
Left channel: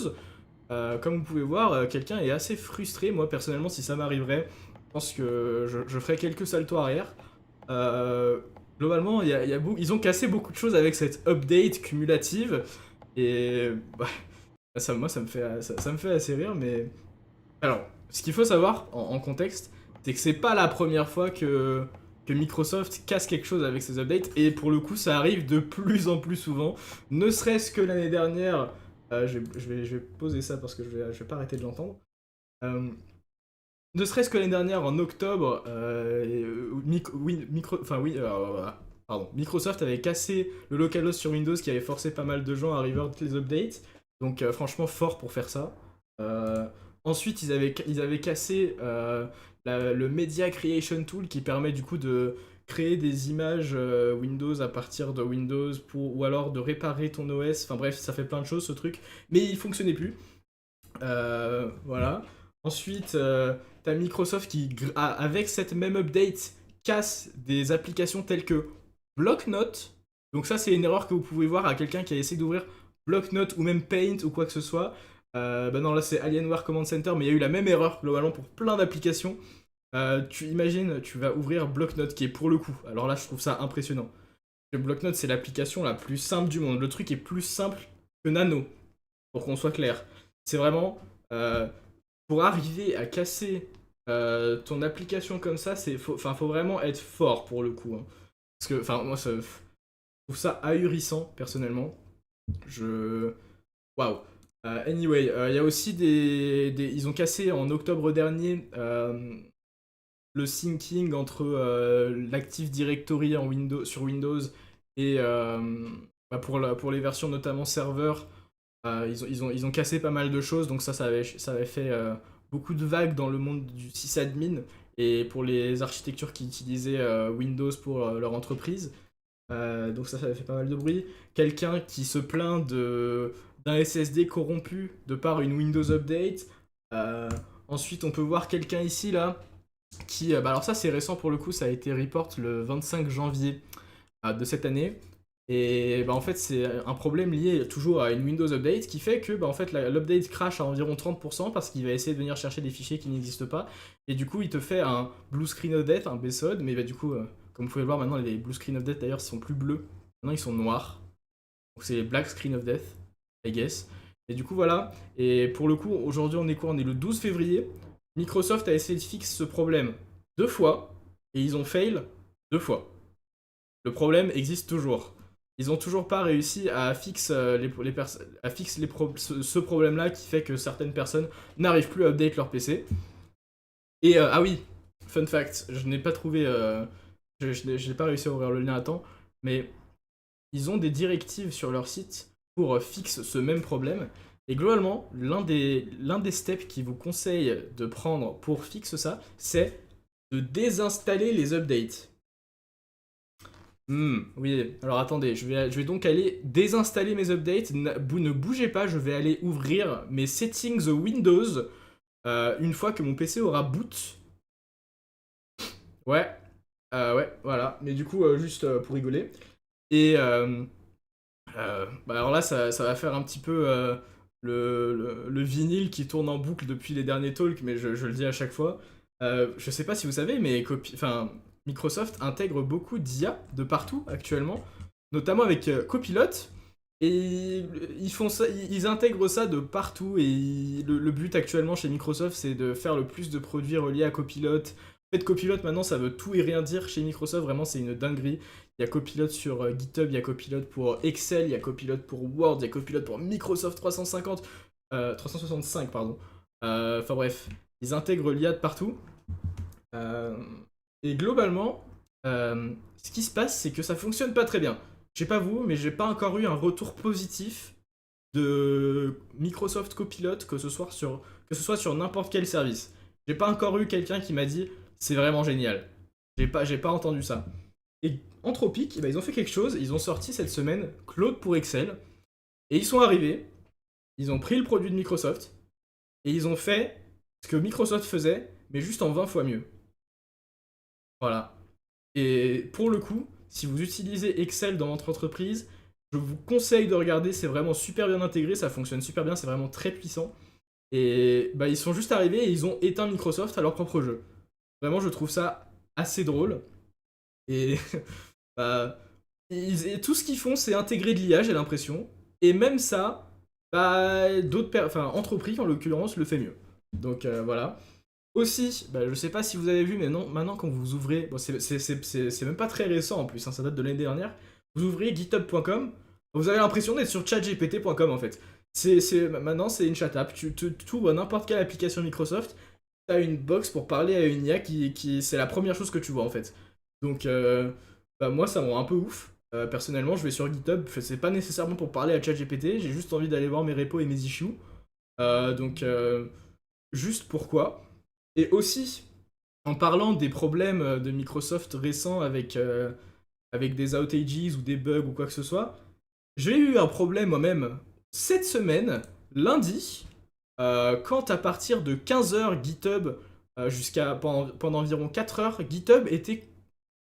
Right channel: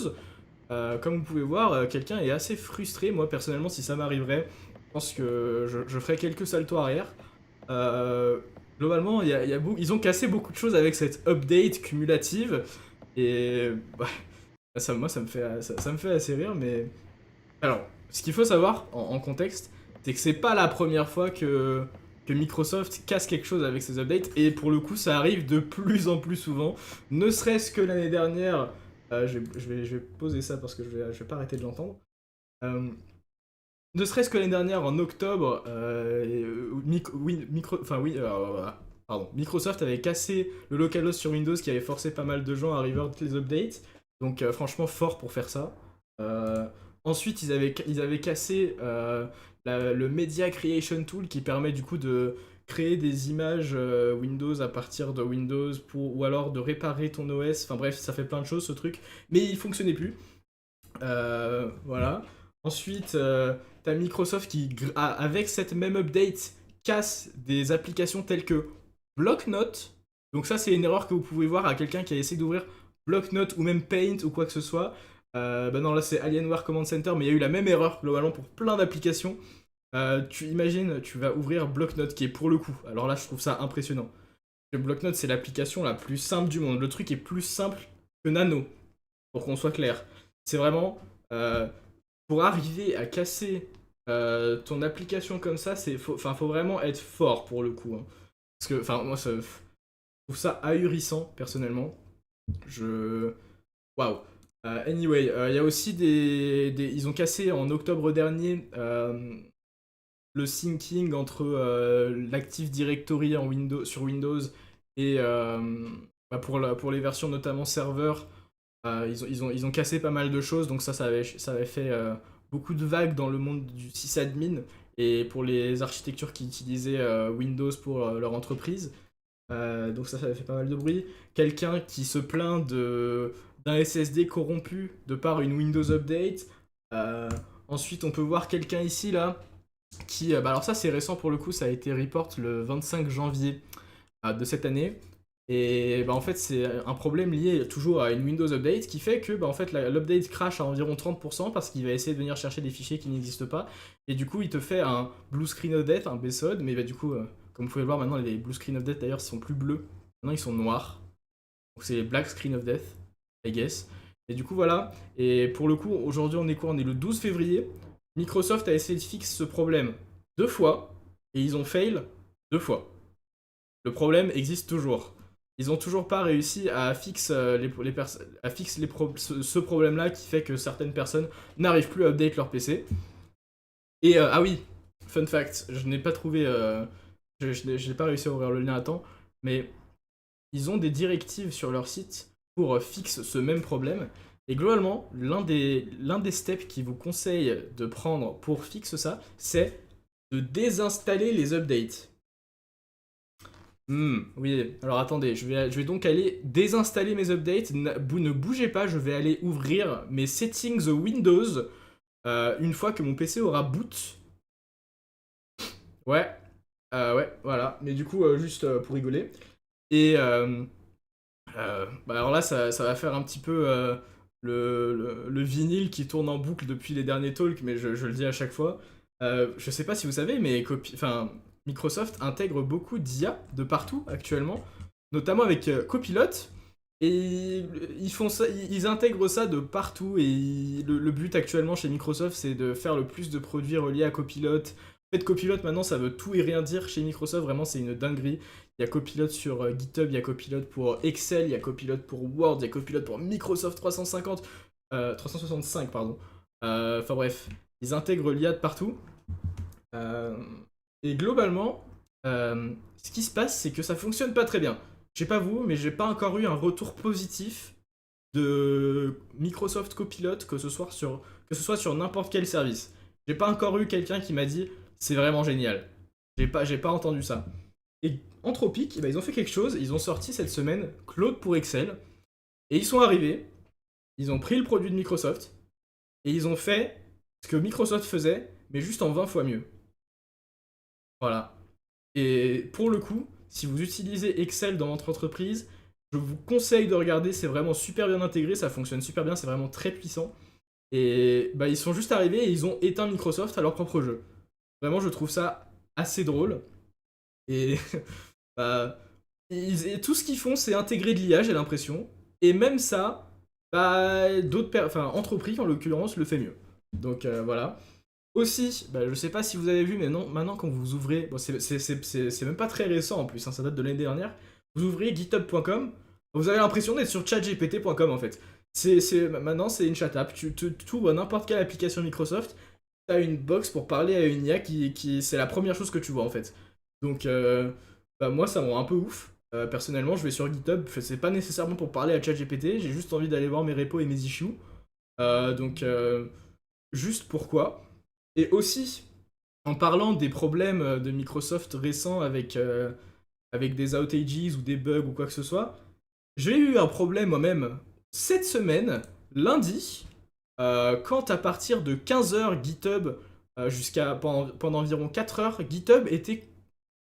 Comme vous pouvez voir, quelqu'un est assez frustré. Moi personnellement, si ça m'arriverait, je pense que je ferais quelques saltos arrière. Euh, Globalement, ils ont cassé beaucoup de choses avec cette update cumulative. Et bah, moi, ça me fait assez rire. Mais alors, ce qu'il faut savoir en contexte, c'est que c'est pas la première fois que Microsoft casse quelque chose avec ses updates. Et pour le coup, ça arrive de plus en plus souvent. Ne serait-ce que l'année dernière. Je vais poser ça parce que je vais pas arrêter de l'entendre. Euh, ne serait-ce que l'année dernière, en octobre, pardon, Microsoft avait cassé le localhost sur Windows qui avait forcé pas mal de gens à revert les updates. Donc franchement fort pour faire ça. Euh, Ensuite, ils avaient cassé le Media Creation Tool qui permet du coup de créer des images Windows à partir de Windows ou alors de réparer ton OS. Enfin bref, ça fait plein de choses ce truc. Mais il fonctionnait plus. Voilà. Ensuite, t'as Microsoft qui, avec cette même update, casse des applications telles que Blocknote. Donc ça, c'est une erreur que vous pouvez voir à quelqu'un qui a essayé d'ouvrir Blocknote ou même Paint ou quoi que ce soit. Bah non, là c'est Alienware Command Center, mais il y a eu la même erreur globalement pour plein d'applications. Tu imagines, tu vas ouvrir Blocknote qui est pour le coup. Alors là, je trouve ça impressionnant. Le Blocknote, c'est l'application la plus simple du monde. Le truc est plus simple que Nano, pour qu'on soit clair. C'est vraiment euh, pour arriver à casser ton application comme ça, faut vraiment être fort pour le coup. Hein. Parce que, enfin, moi, je trouve ça ahurissant personnellement. Je, waouh. Anyway, il y a aussi ils ont cassé en octobre dernier le syncing entre l'Active Directory sur Windows et bah, pour les versions notamment serveur. Ils ont cassé pas mal de choses, donc ça avait fait beaucoup de vagues dans le monde du sysadmin et pour les architectures qui utilisaient Windows pour leur entreprise. Donc ça avait fait pas mal de bruit. Quelqu'un qui se plaint d'un SSD corrompu de par une Windows Update. Euh, Ensuite, on peut voir quelqu'un ici, là, qui... bah alors ça, c'est récent pour le coup, ça a été report le 25 janvier de cette année. Et bah, en fait, c'est un problème lié toujours à une Windows Update qui fait que bah, en fait, l'update crash à environ 30% parce qu'il va essayer de venir chercher des fichiers qui n'existent pas. Et du coup, il te fait un blue screen of death, un BSOD, mais bah, du coup, comme vous pouvez le voir maintenant, les blue screen of death d'ailleurs sont plus bleus. Maintenant, ils sont noirs. Donc c'est les black screen of death, I guess. Et du coup, voilà. Et pour le coup, aujourd'hui, on est quoi? On est le 12 février. Microsoft a essayé de fixer ce problème deux fois et ils ont fail deux fois. Le problème existe toujours. ils ont toujours pas réussi à fixer ce problème-là qui fait que certaines personnes n'arrivent plus à update leur PC. Et ah oui, fun fact, je n'ai pas trouvé, je n'ai pas réussi à ouvrir le lien à temps, mais ils ont des directives sur leur site pour fixer ce même problème. Et globalement, l'un des steps qu'ils vous conseillent de prendre pour fixer ça, c'est de désinstaller les updates. Oui, alors attendez, je vais donc aller désinstaller mes updates. Ne bougez pas, je vais aller ouvrir mes settings Windows une fois que mon PC aura boot. Ouais, ouais, voilà. Mais du coup, juste pour rigoler. Et bah alors là, ça va faire un petit peu le vinyle qui tourne en boucle depuis les derniers talks, mais je le dis à chaque fois. Je sais pas si vous savez, mais Microsoft intègre beaucoup d'IA de partout actuellement, notamment avec Copilot. Et ils font ça, ils intègrent ça de partout. Et le but actuellement chez Microsoft, c'est de faire le plus de produits reliés à Copilot. En fait, Copilot maintenant, ça veut tout et rien dire chez Microsoft. Vraiment, c'est une dinguerie. Il y a Copilot sur GitHub, il y a Copilot pour Excel, il y a Copilot pour Word, il y a Copilot pour Microsoft 365, pardon. Enfin bref, ils intègrent l'IA de partout. Euh, et globalement, ce qui se passe, c'est que ça fonctionne pas très bien. Je sais pas vous, mais j'ai pas encore eu un retour positif de Microsoft Copilot, que ce soit sur n'importe quel service. J'ai pas encore eu quelqu'un qui m'a dit c'est vraiment génial. J'ai pas entendu ça. Et Anthropic, eh ben, ils ont fait quelque chose, ils ont sorti cette semaine Claude pour Excel, et ils sont arrivés, ils ont pris le produit de Microsoft, et ils ont fait ce que Microsoft faisait, mais juste en 20 fois mieux. Voilà. Et pour le coup, si vous utilisez Excel dans votre entreprise, je vous conseille de regarder, c'est vraiment super bien intégré, ça fonctionne super bien, c'est vraiment très puissant. Et bah, ils sont juste arrivés et ils ont éteint Microsoft à leur propre jeu. Vraiment, je trouve ça assez drôle. Et bah, et tout ce qu'ils font, c'est intégrer de l'IA, j'ai l'impression. Et même ça, bah, entreprises en l'occurrence, le fait mieux. Donc voilà. Aussi, bah, je sais pas si vous avez vu, mais non, maintenant quand vous ouvrez, bon, c'est même pas très récent en plus, hein, ça date de l'année dernière, vous ouvrez github.com, vous avez l'impression d'être sur chatgpt.com en fait. Maintenant, c'est une chat app. Tu ouvres n'importe quelle application Microsoft, tu as une box pour parler à une IA c'est la première chose que tu vois en fait. Donc, bah, moi, ça me rend un peu ouf. Personnellement, je vais sur GitHub, c'est pas nécessairement pour parler à ChatGPT, j'ai juste envie d'aller voir mes repos et mes issues. Donc, juste pourquoi. Et aussi, en parlant des problèmes de Microsoft récents avec des outages ou des bugs ou quoi que ce soit, j'ai eu un problème moi-même cette semaine, lundi, quand à partir de 15 h GitHub jusqu'à pendant environ 4 heures, GitHub était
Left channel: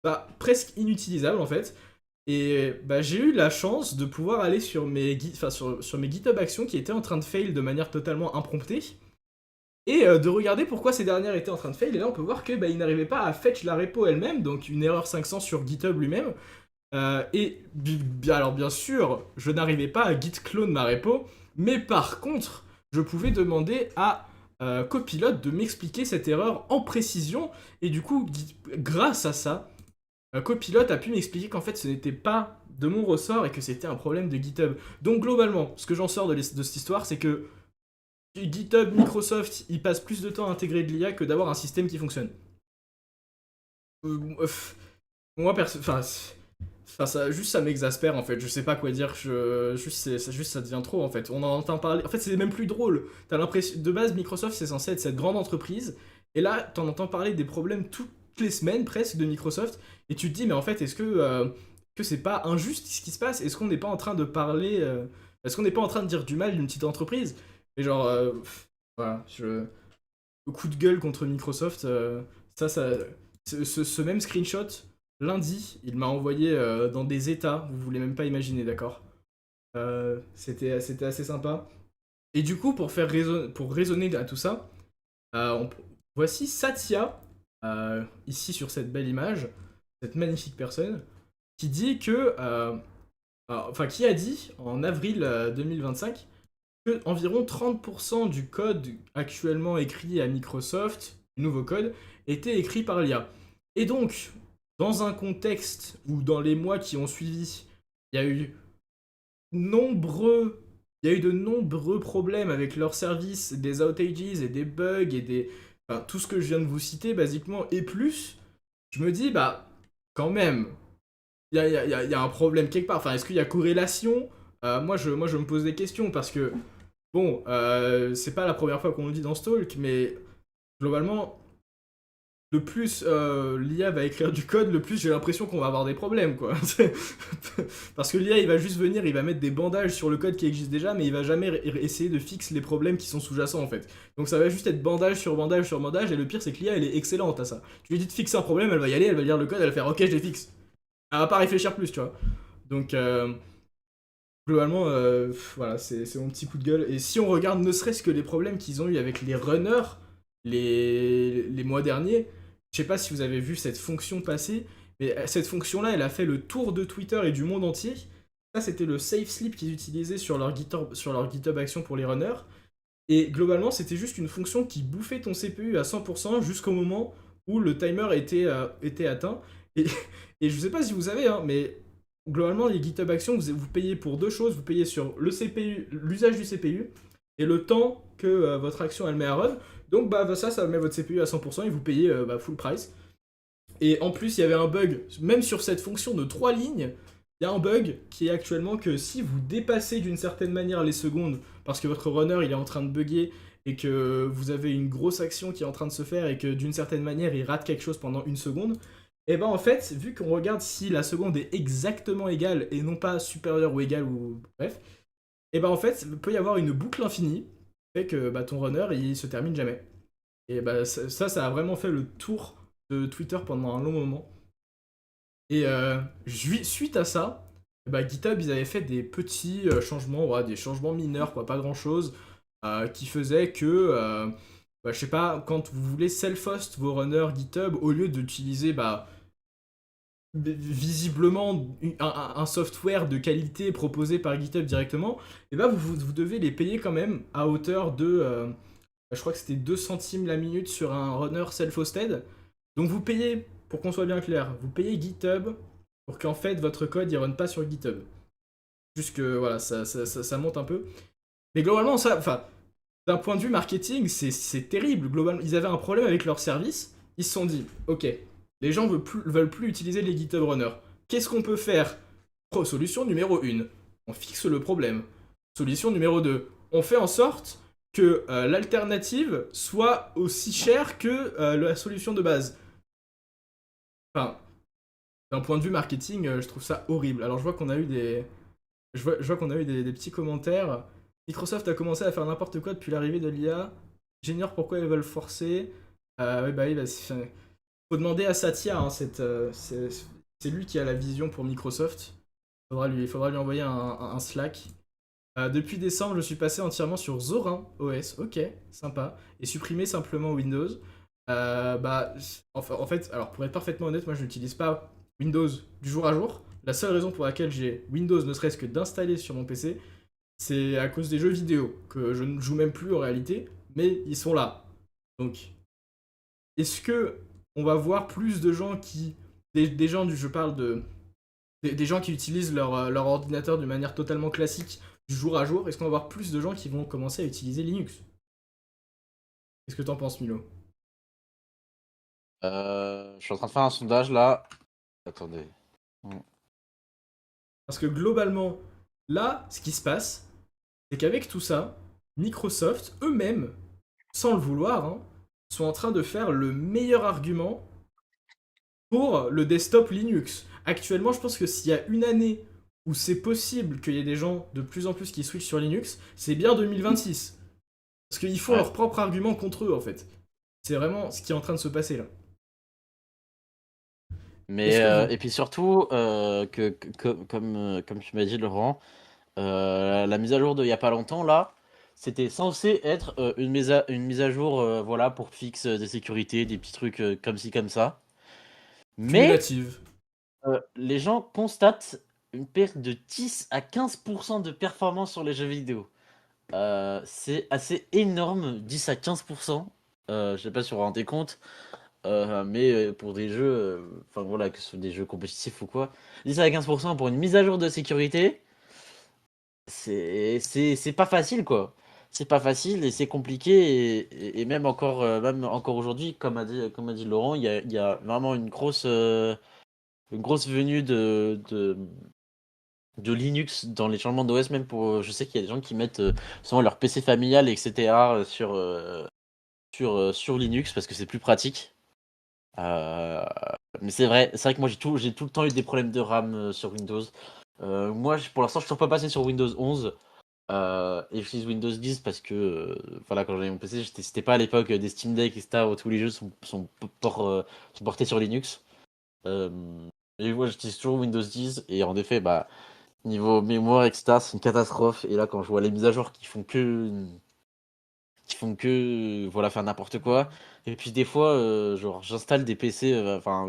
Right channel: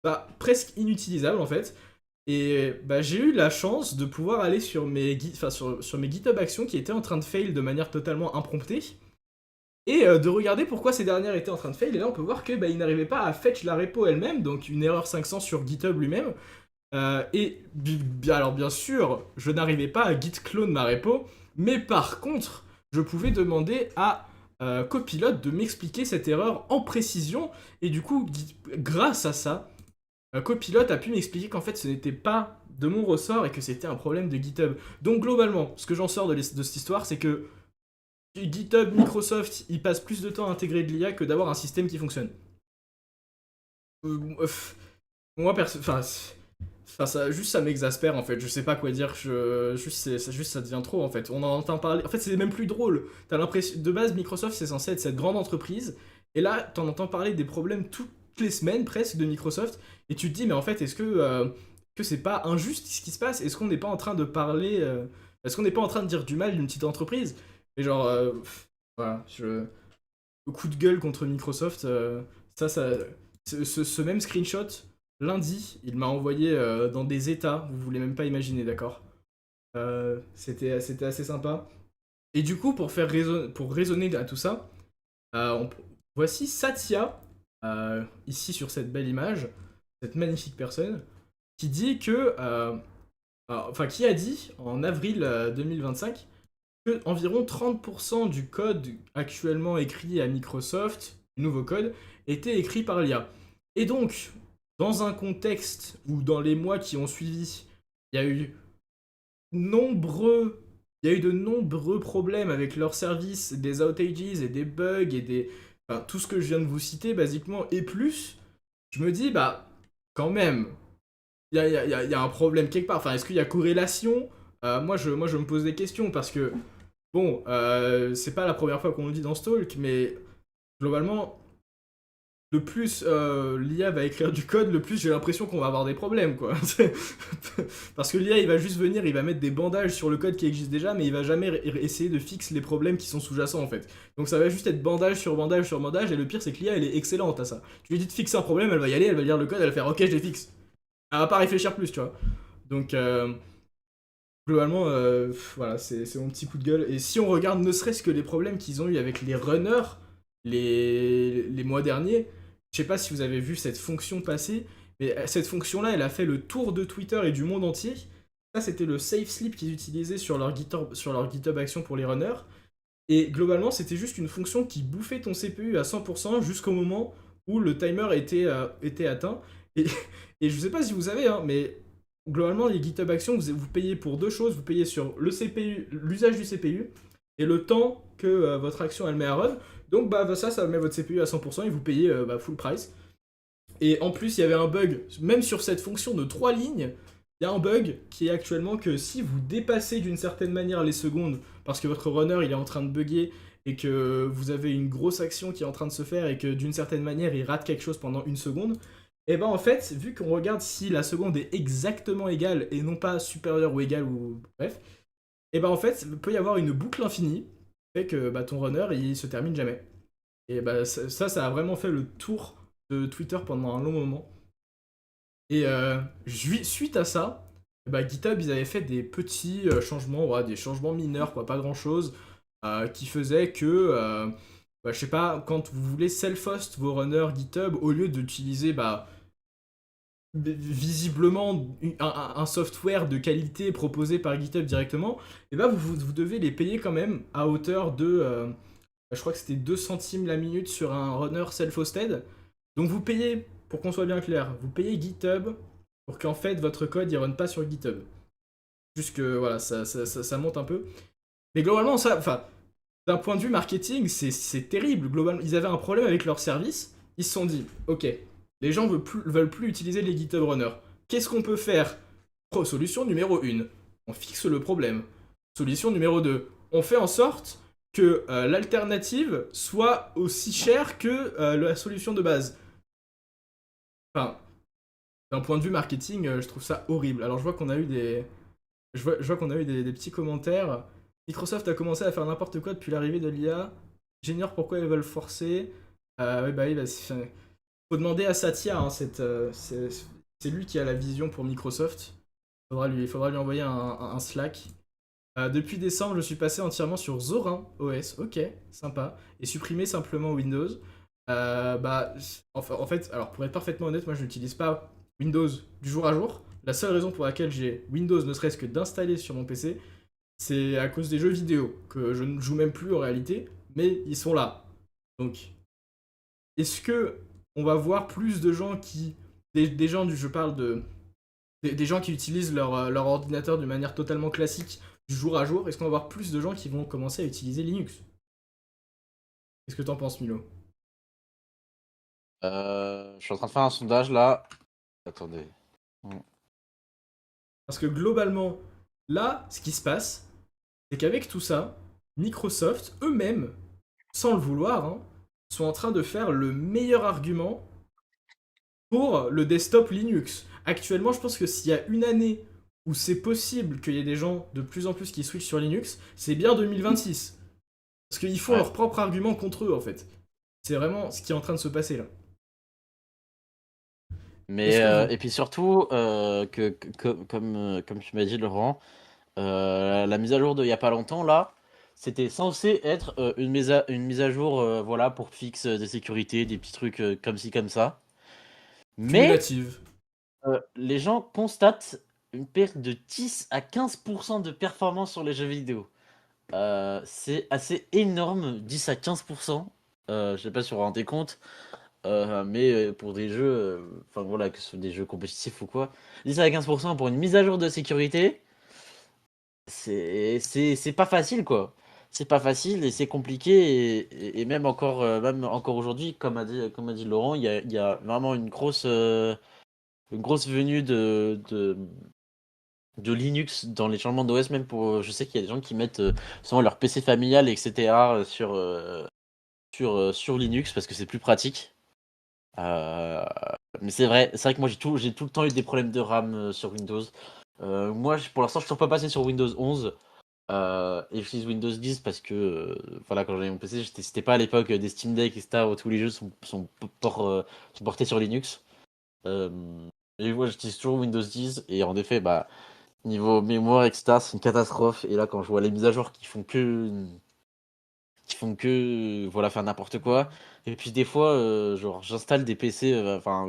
bah, presque inutilisable en fait. Et bah, j'ai eu la chance de pouvoir aller sur mes GitHub Actions qui étaient en train de fail de manière totalement impromptue et de regarder pourquoi ces dernières étaient en train de fail. Et là, on peut voir que bah, ils n'arrivaient pas à fetch la repo elle-même, donc une erreur 500 sur GitHub lui-même. Alors bien sûr, je n'arrivais pas à git clone ma repo, mais par contre, je pouvais demander à Copilot de m'expliquer cette erreur en précision, et du coup, grâce à ça, Copilot a pu m'expliquer qu'en fait ce n'était pas de mon ressort et que c'était un problème de GitHub. Donc globalement, ce que j'en sors de cette histoire, c'est que GitHub, Microsoft, ils passent plus de temps à intégrer de l'IA que d'avoir un système qui fonctionne. Moi, juste ça m'exaspère en fait. Je sais pas quoi dire. Juste ça devient trop en fait. On en entend parler. En fait, c'est même plus drôle. T'as l'impression de base Microsoft c'est censé être cette grande entreprise et là t'en entends parler des problèmes toutes les semaines presque de Microsoft et tu te dis mais en fait est-ce que c'est pas injuste ce qui se passe? Est-ce qu'on n'est pas en train de parler est-ce qu'on n'est pas en train de dire du mal d'une petite entreprise? Mais genre voilà, le coup de gueule contre Microsoft ça ce même screenshot lundi, il m'a envoyé dans des états, vous voulez même pas imaginer, d'accord. C'était assez sympa. Et du coup, pour raisonner à tout ça, voici Satya, ici sur cette belle image, cette magnifique personne, qui dit que, enfin, qui a dit en avril 2025 que environ 30% du code actuellement écrit à Microsoft, du nouveau code, était écrit par l'IA. Et donc, dans un contexte où dans les mois qui ont suivi, Il y a eu nombreux, il y a eu de nombreux problèmes avec leur service, des outages et des bugs et des, enfin, tout ce que je viens de vous citer basiquement et plus. Je me dis bah quand même, il y a un problème quelque part. Enfin, est-ce qu'il y a corrélation? Moi je me pose des questions parce que bon, c'est pas la première fois qu'on le dit dans Stalk, mais globalement, le plus l'IA va écrire du code, le plus j'ai l'impression qu'on va avoir des problèmes, quoi. Parce que l'IA, il va juste venir, il va mettre des bandages sur le code qui existe déjà, mais il va jamais essayer de fixer les problèmes qui sont sous-jacents, en fait. Donc ça va juste être bandage sur bandage sur bandage, et le pire, c'est que l'IA, elle est excellente à ça. Tu lui dis de fixer un problème, elle va y aller, elle va lire le code, elle va faire OK, je les fixe. Elle va pas réfléchir plus, tu vois. Donc, globalement, voilà, c'est mon petit coup de gueule. Et si on regarde ne serait-ce que les problèmes qu'ils ont eu avec les runners les mois derniers, je sais pas si vous avez vu cette fonction passer, mais cette fonction-là, elle a fait le tour de Twitter et du monde entier. Ça, c'était le safe sleep qu'ils utilisaient sur leur GitHub Action pour les runners. Et globalement, c'était juste une fonction qui bouffait ton CPU à 100% jusqu'au moment où le timer était atteint. Et, et je sais pas si vous savez, hein, mais globalement, les GitHub Actions, vous payez pour deux choses. Vous payez sur le CPU, l'usage du CPU, et le temps que votre action elle met à run. Donc bah ça met votre CPU à 100% et vous payez full price. Et en plus, il y avait un bug, même sur cette fonction de 3 lignes, il y a un bug qui est actuellement que si vous dépassez d'une certaine manière les secondes, parce que votre runner il est en train de bugger et que vous avez une grosse action qui est en train de se faire et que d'une certaine manière il rate quelque chose pendant une seconde, et ben en fait, vu qu'on regarde si la seconde est exactement égale et non pas supérieure ou égale ou bref, et ben en fait, il peut y avoir une boucle infinie, qui fait que bah, ton runner il se termine jamais. Et bah ça a vraiment fait le tour de Twitter pendant un long moment. Et suite à ça, bah, GitHub, ils avaient fait des petits changements, ouais, des changements mineurs, quoi, pas grand-chose, qui faisaient que, bah, je sais pas, quand vous voulez self-host vos runners GitHub, au lieu d'utiliser bah, visiblement un software de qualité proposé par GitHub directement, et bah, vous devez les payer quand même à hauteur de, je crois que c'était 2 centimes la minute sur un runner self-hosted. Donc vous payez, pour qu'on soit bien clair, vous payez GitHub pour qu'en fait votre code il run pas sur GitHub. Juste que voilà, ça monte un peu. Mais globalement, ça, enfin, d'un point de vue marketing, c'est terrible. Globalement, ils avaient un problème avec leur service. Ils se sont dit, ok, les gens veulent plus utiliser les GitHub Runners. Qu'est-ce qu'on peut faire? Solution numéro 1, on fixe le problème. Solution numéro 2, on fait en sorte que l'alternative soit aussi chère que la solution de base. Enfin, d'un point de vue marketing, je trouve ça horrible. Alors je vois qu'on a eu je vois qu'on a eu des petits commentaires. Microsoft a commencé à faire n'importe quoi depuis l'arrivée de l'IA. J'ignore pourquoi ils veulent forcer. Ouais, bah oui, bah, faut demander à Satya, hein, c'est lui qui a la vision pour Microsoft. Faudra lui envoyer un Slack. Depuis décembre, je suis passé entièrement sur Zorin OS. Ok, sympa. Et supprimer simplement Windows. Bah, en fait, alors pour être parfaitement honnête, moi je n'utilise pas Windows du jour à jour. La seule raison pour laquelle j'ai Windows, ne serait-ce que d'installer sur mon PC, c'est à cause des jeux vidéo, que je ne joue même plus en réalité, mais ils sont là. Donc, est-ce que on va voir plus de gens qui. Des gens je parle de. Des gens qui utilisent leur ordinateur de manière totalement classique du jour à jour, est-ce qu'on va voir plus de gens qui vont commencer à utiliser Linux? Qu'est-ce que t'en penses, Milo? Je suis en train de faire un sondage là. Attendez. Parce que globalement, là, ce qui se passe, c'est qu'avec tout ça, Microsoft, eux-mêmes, sans le vouloir, hein, sont en train de faire le meilleur argument pour le desktop Linux. Actuellement, je pense que s'il y a une année où c'est possible qu'il y ait des gens de plus en plus qui switchent sur Linux, c'est bien 2026. Parce qu'ils font Ouais. leur propre argument contre eux, en fait. C'est vraiment ce qui est en train de se passer là. Mais Est-ce que vous. et puis surtout comme tu m'as dit Laurent, la mise à jour de il y a pas longtemps là, c'était censé être une mise à jour voilà pour fixe des sécurités, des petits trucs comme ci comme ça. Mais Cumulative. les gens constatent une perte de 10 à 15% de performance sur les jeux vidéo. C'est assez énorme, 10 à 15%. Je sais pas si vous vous rendez compte. mais pour des jeux, enfin voilà, que ce soit des jeux compétitifs ou quoi, 10 à 15% pour une mise à jour de sécurité, c'est pas facile, quoi. C'est pas facile et c'est compliqué et même encore aujourd'hui, comme a dit Laurent, il y a vraiment une grosse venue de Linux dans les changements d'OS, même pour, je sais qu'il y a des gens qui mettent souvent leur PC familial, etc. Sur Linux parce que c'est plus pratique. Euh, mais c'est vrai que moi j'ai tout le temps eu des problèmes de RAM sur Windows. Moi, pour l'instant, je ne suis pas passé sur Windows 11 et j'utilise Windows 10 parce que voilà, quand j'avais mon PC, c'était pas à l'époque des Steam Deck, etc. Où tous les jeux sont portés sur Linux. Euh, et moi, j'utilise toujours Windows 10 et en effet, bah, niveau mémoire, etc., c'est une catastrophe. Et là, quand je vois les mises à jour qui font que voilà faire n'importe quoi et puis des fois genre j'installe des PC genre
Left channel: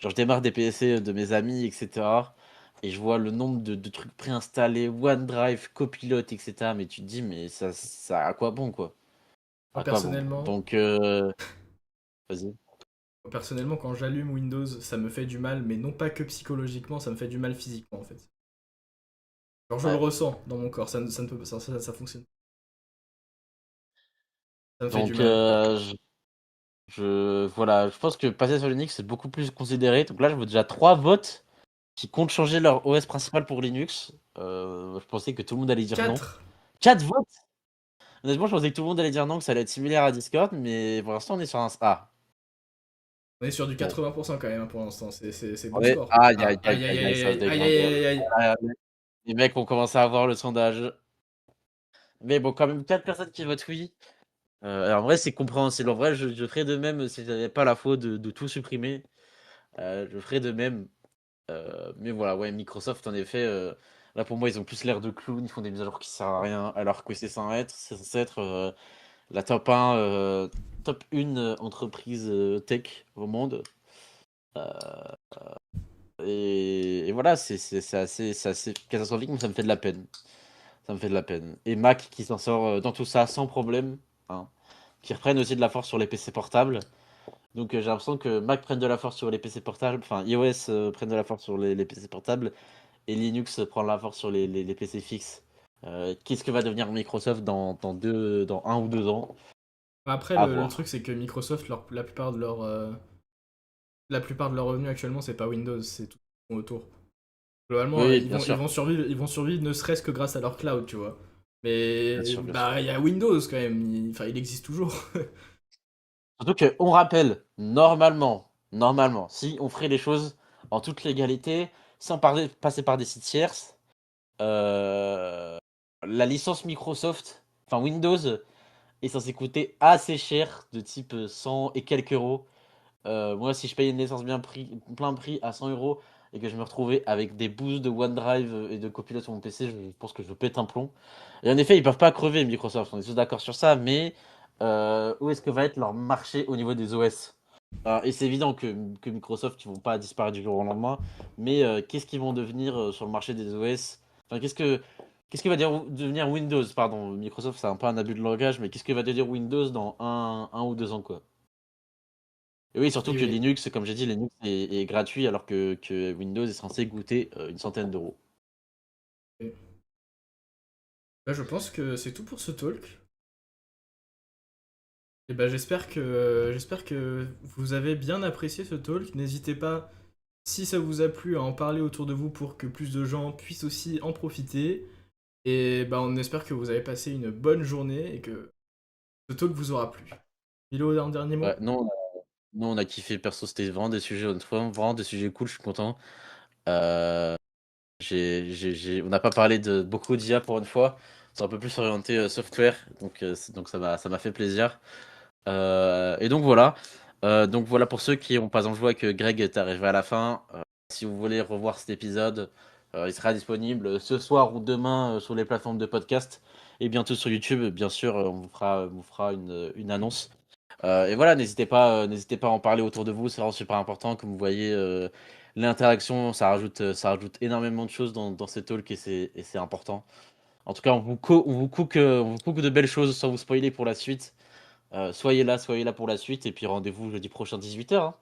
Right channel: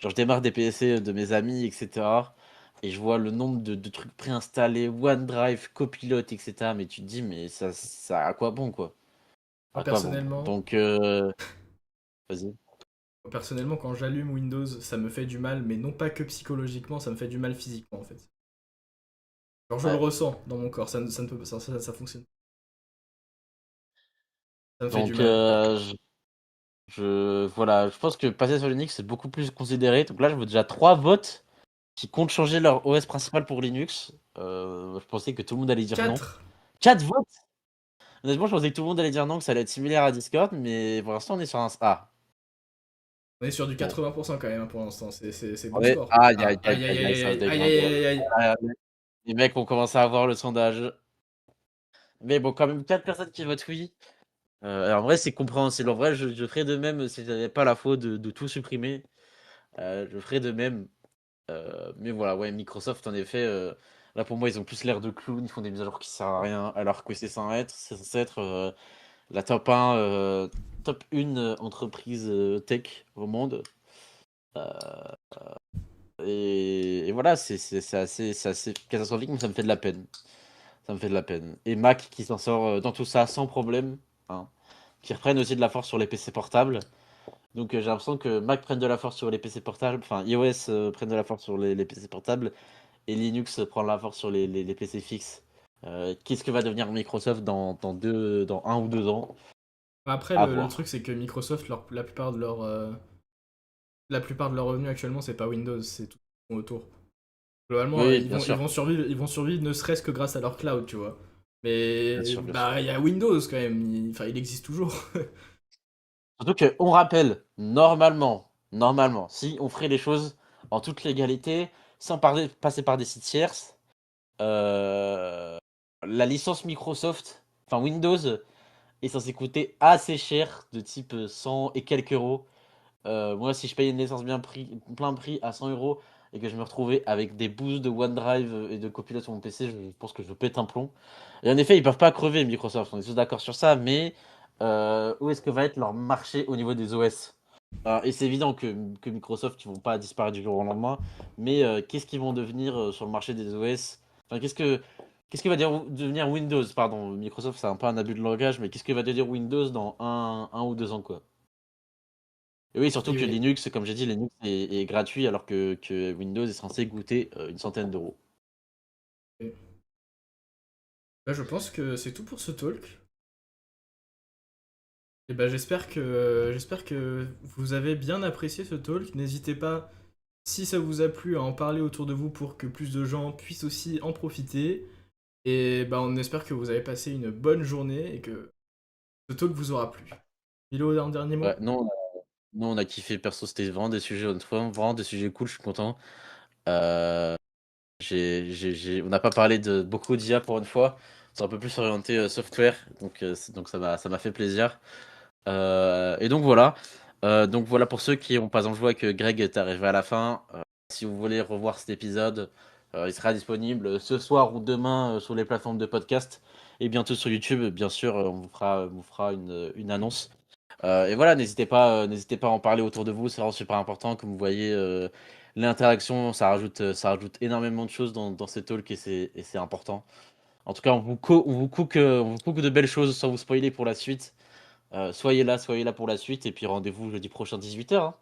je démarre des PC de mes amis etc et je vois le nombre de trucs préinstallés OneDrive Copilot etc mais tu te dis mais ça à quoi bon quoi Moi à quoi bon personnellement, donc vas-y. personnellement, quand j'allume Windows, ça me fait du mal, mais non pas que psychologiquement, ça me fait du mal physiquement en fait. Genre je le Ouais. ressens dans mon corps, ça ne peut ça fonctionne. Ça me fait du Donc mal. voilà je pense que passer sur Linux c'est beaucoup plus considéré donc là je vois déjà trois votes qui comptent changer leur OS principal pour Linux. Je pensais que tout le monde allait dire non. 4. 4 votes. Honnêtement, je pensais que tout le monde allait dire non, que ça allait être similaire à Discord, mais pour l'instant, on est sur un. Ah, On est sur du bon. 80% quand même hein, pour l'instant, c'est bon Ouais, score. aïe, aïe, Ah, aïe, aïe aïe aïe, aïe, aïe ça se aïe aïe dégrade. aïe aïe aïe. Ah, les mecs ont commencé à voir le sondage. Mais bon, quand même, 4 personnes qui votent oui. Alors, en vrai, c'est compréhensible. En vrai, je ferais de même si j'avais pas la faute de tout supprimer. Je ferais de même. Mais voilà, ouais, Microsoft, en effet, là pour moi, ils ont plus l'air de clowns. Ils font des mises à jour qui servent à rien, alors que c'est censé être la top 1, top 1 entreprise tech au monde. Euh, et voilà, c'est assez catastrophique, mais ça me fait de la peine. Ça me fait de la peine. Et Mac qui s'en sort dans tout ça sans problème, hein, qui reprennent aussi de la force sur les PC portables. Donc j'ai l'impression que Mac prenne de la force sur les PC portables, enfin iOS prenne de la force sur les PC portables, et Linux prend de la force sur les PC fixes. Qu'est-ce que va devenir Microsoft dans 1 ou 2 ans? Après À le voir. truc c'est que Microsoft la plupart de leurs revenus actuellement c'est pas Windows, c'est tout ce qu'ils font autour. Globalement, Oui, bien sûr. ils vont survivre ne serait-ce que grâce à leur cloud, tu vois. Bien Mais sûr, bien sûr. bah il y a Windows quand même, enfin il existe toujours. Surtout qu'on rappelle, normalement, si on ferait les choses en toute légalité, sans passer par des sites tierces, euh, la licence Microsoft, enfin Windows, est censée coûter assez cher, de type 100 et quelques euros. Moi, si je paye une licence plein prix à 100 euros et que je me retrouvais avec des boosts de OneDrive et de Copilot sur mon PC, je pense que je pète un plomb. Et en effet, ils peuvent pas crever Microsoft, on est tous d'accord sur ça, mais où est-ce que va être leur marché au niveau des OS? Et c'est évident que Microsoft, ils vont pas disparaître du jour au lendemain, mais qu'est-ce qu'ils vont devenir sur le marché des OS? Enfin, qu'est-ce que va devenir Windows? Pardon, Microsoft, c'est un peu un abus de langage, mais qu'est-ce que va devenir Windows dans 1 ou 2 ans, quoi? Et oui, surtout Et que oui. Linux, comme j'ai dit, Linux est gratuit alors que Windows est censé coûter une centaine d'euros. Et bah, je pense que c'est tout pour ce talk. Et bah j'espère que vous avez bien apprécié ce talk. N'hésitez pas, si ça vous a plu, à en parler autour de vous pour que plus de gens puissent aussi en profiter. Et bah on espère que vous avez passé une bonne journée et que ce talk vous aura plu. Milo, un dernier Ouais, mot? nous, on a kiffé, perso, c'était vraiment des sujets, honnêtement, vraiment des sujets cool, je suis content. Euh, on n'a pas parlé de beaucoup d'IA pour une fois, c'est un peu plus orienté software, donc ça m'a fait plaisir. Donc voilà pour ceux qui ont pas en joué que Greg est arrivé à la fin. Si vous voulez revoir cet épisode, il sera disponible ce soir ou demain sur les plateformes de podcast et bientôt sur YouTube. Bien sûr, on vous fera une annonce. Et voilà, n'hésitez pas à en parler autour de vous, c'est vraiment super important. Comme vous voyez, l'interaction, ça rajoute énormément de choses dans ces talks et c'est important. En tout cas, on vous cook de belles choses sans vous spoiler pour la suite. Soyez là pour la suite, et puis rendez-vous jeudi prochain 18h.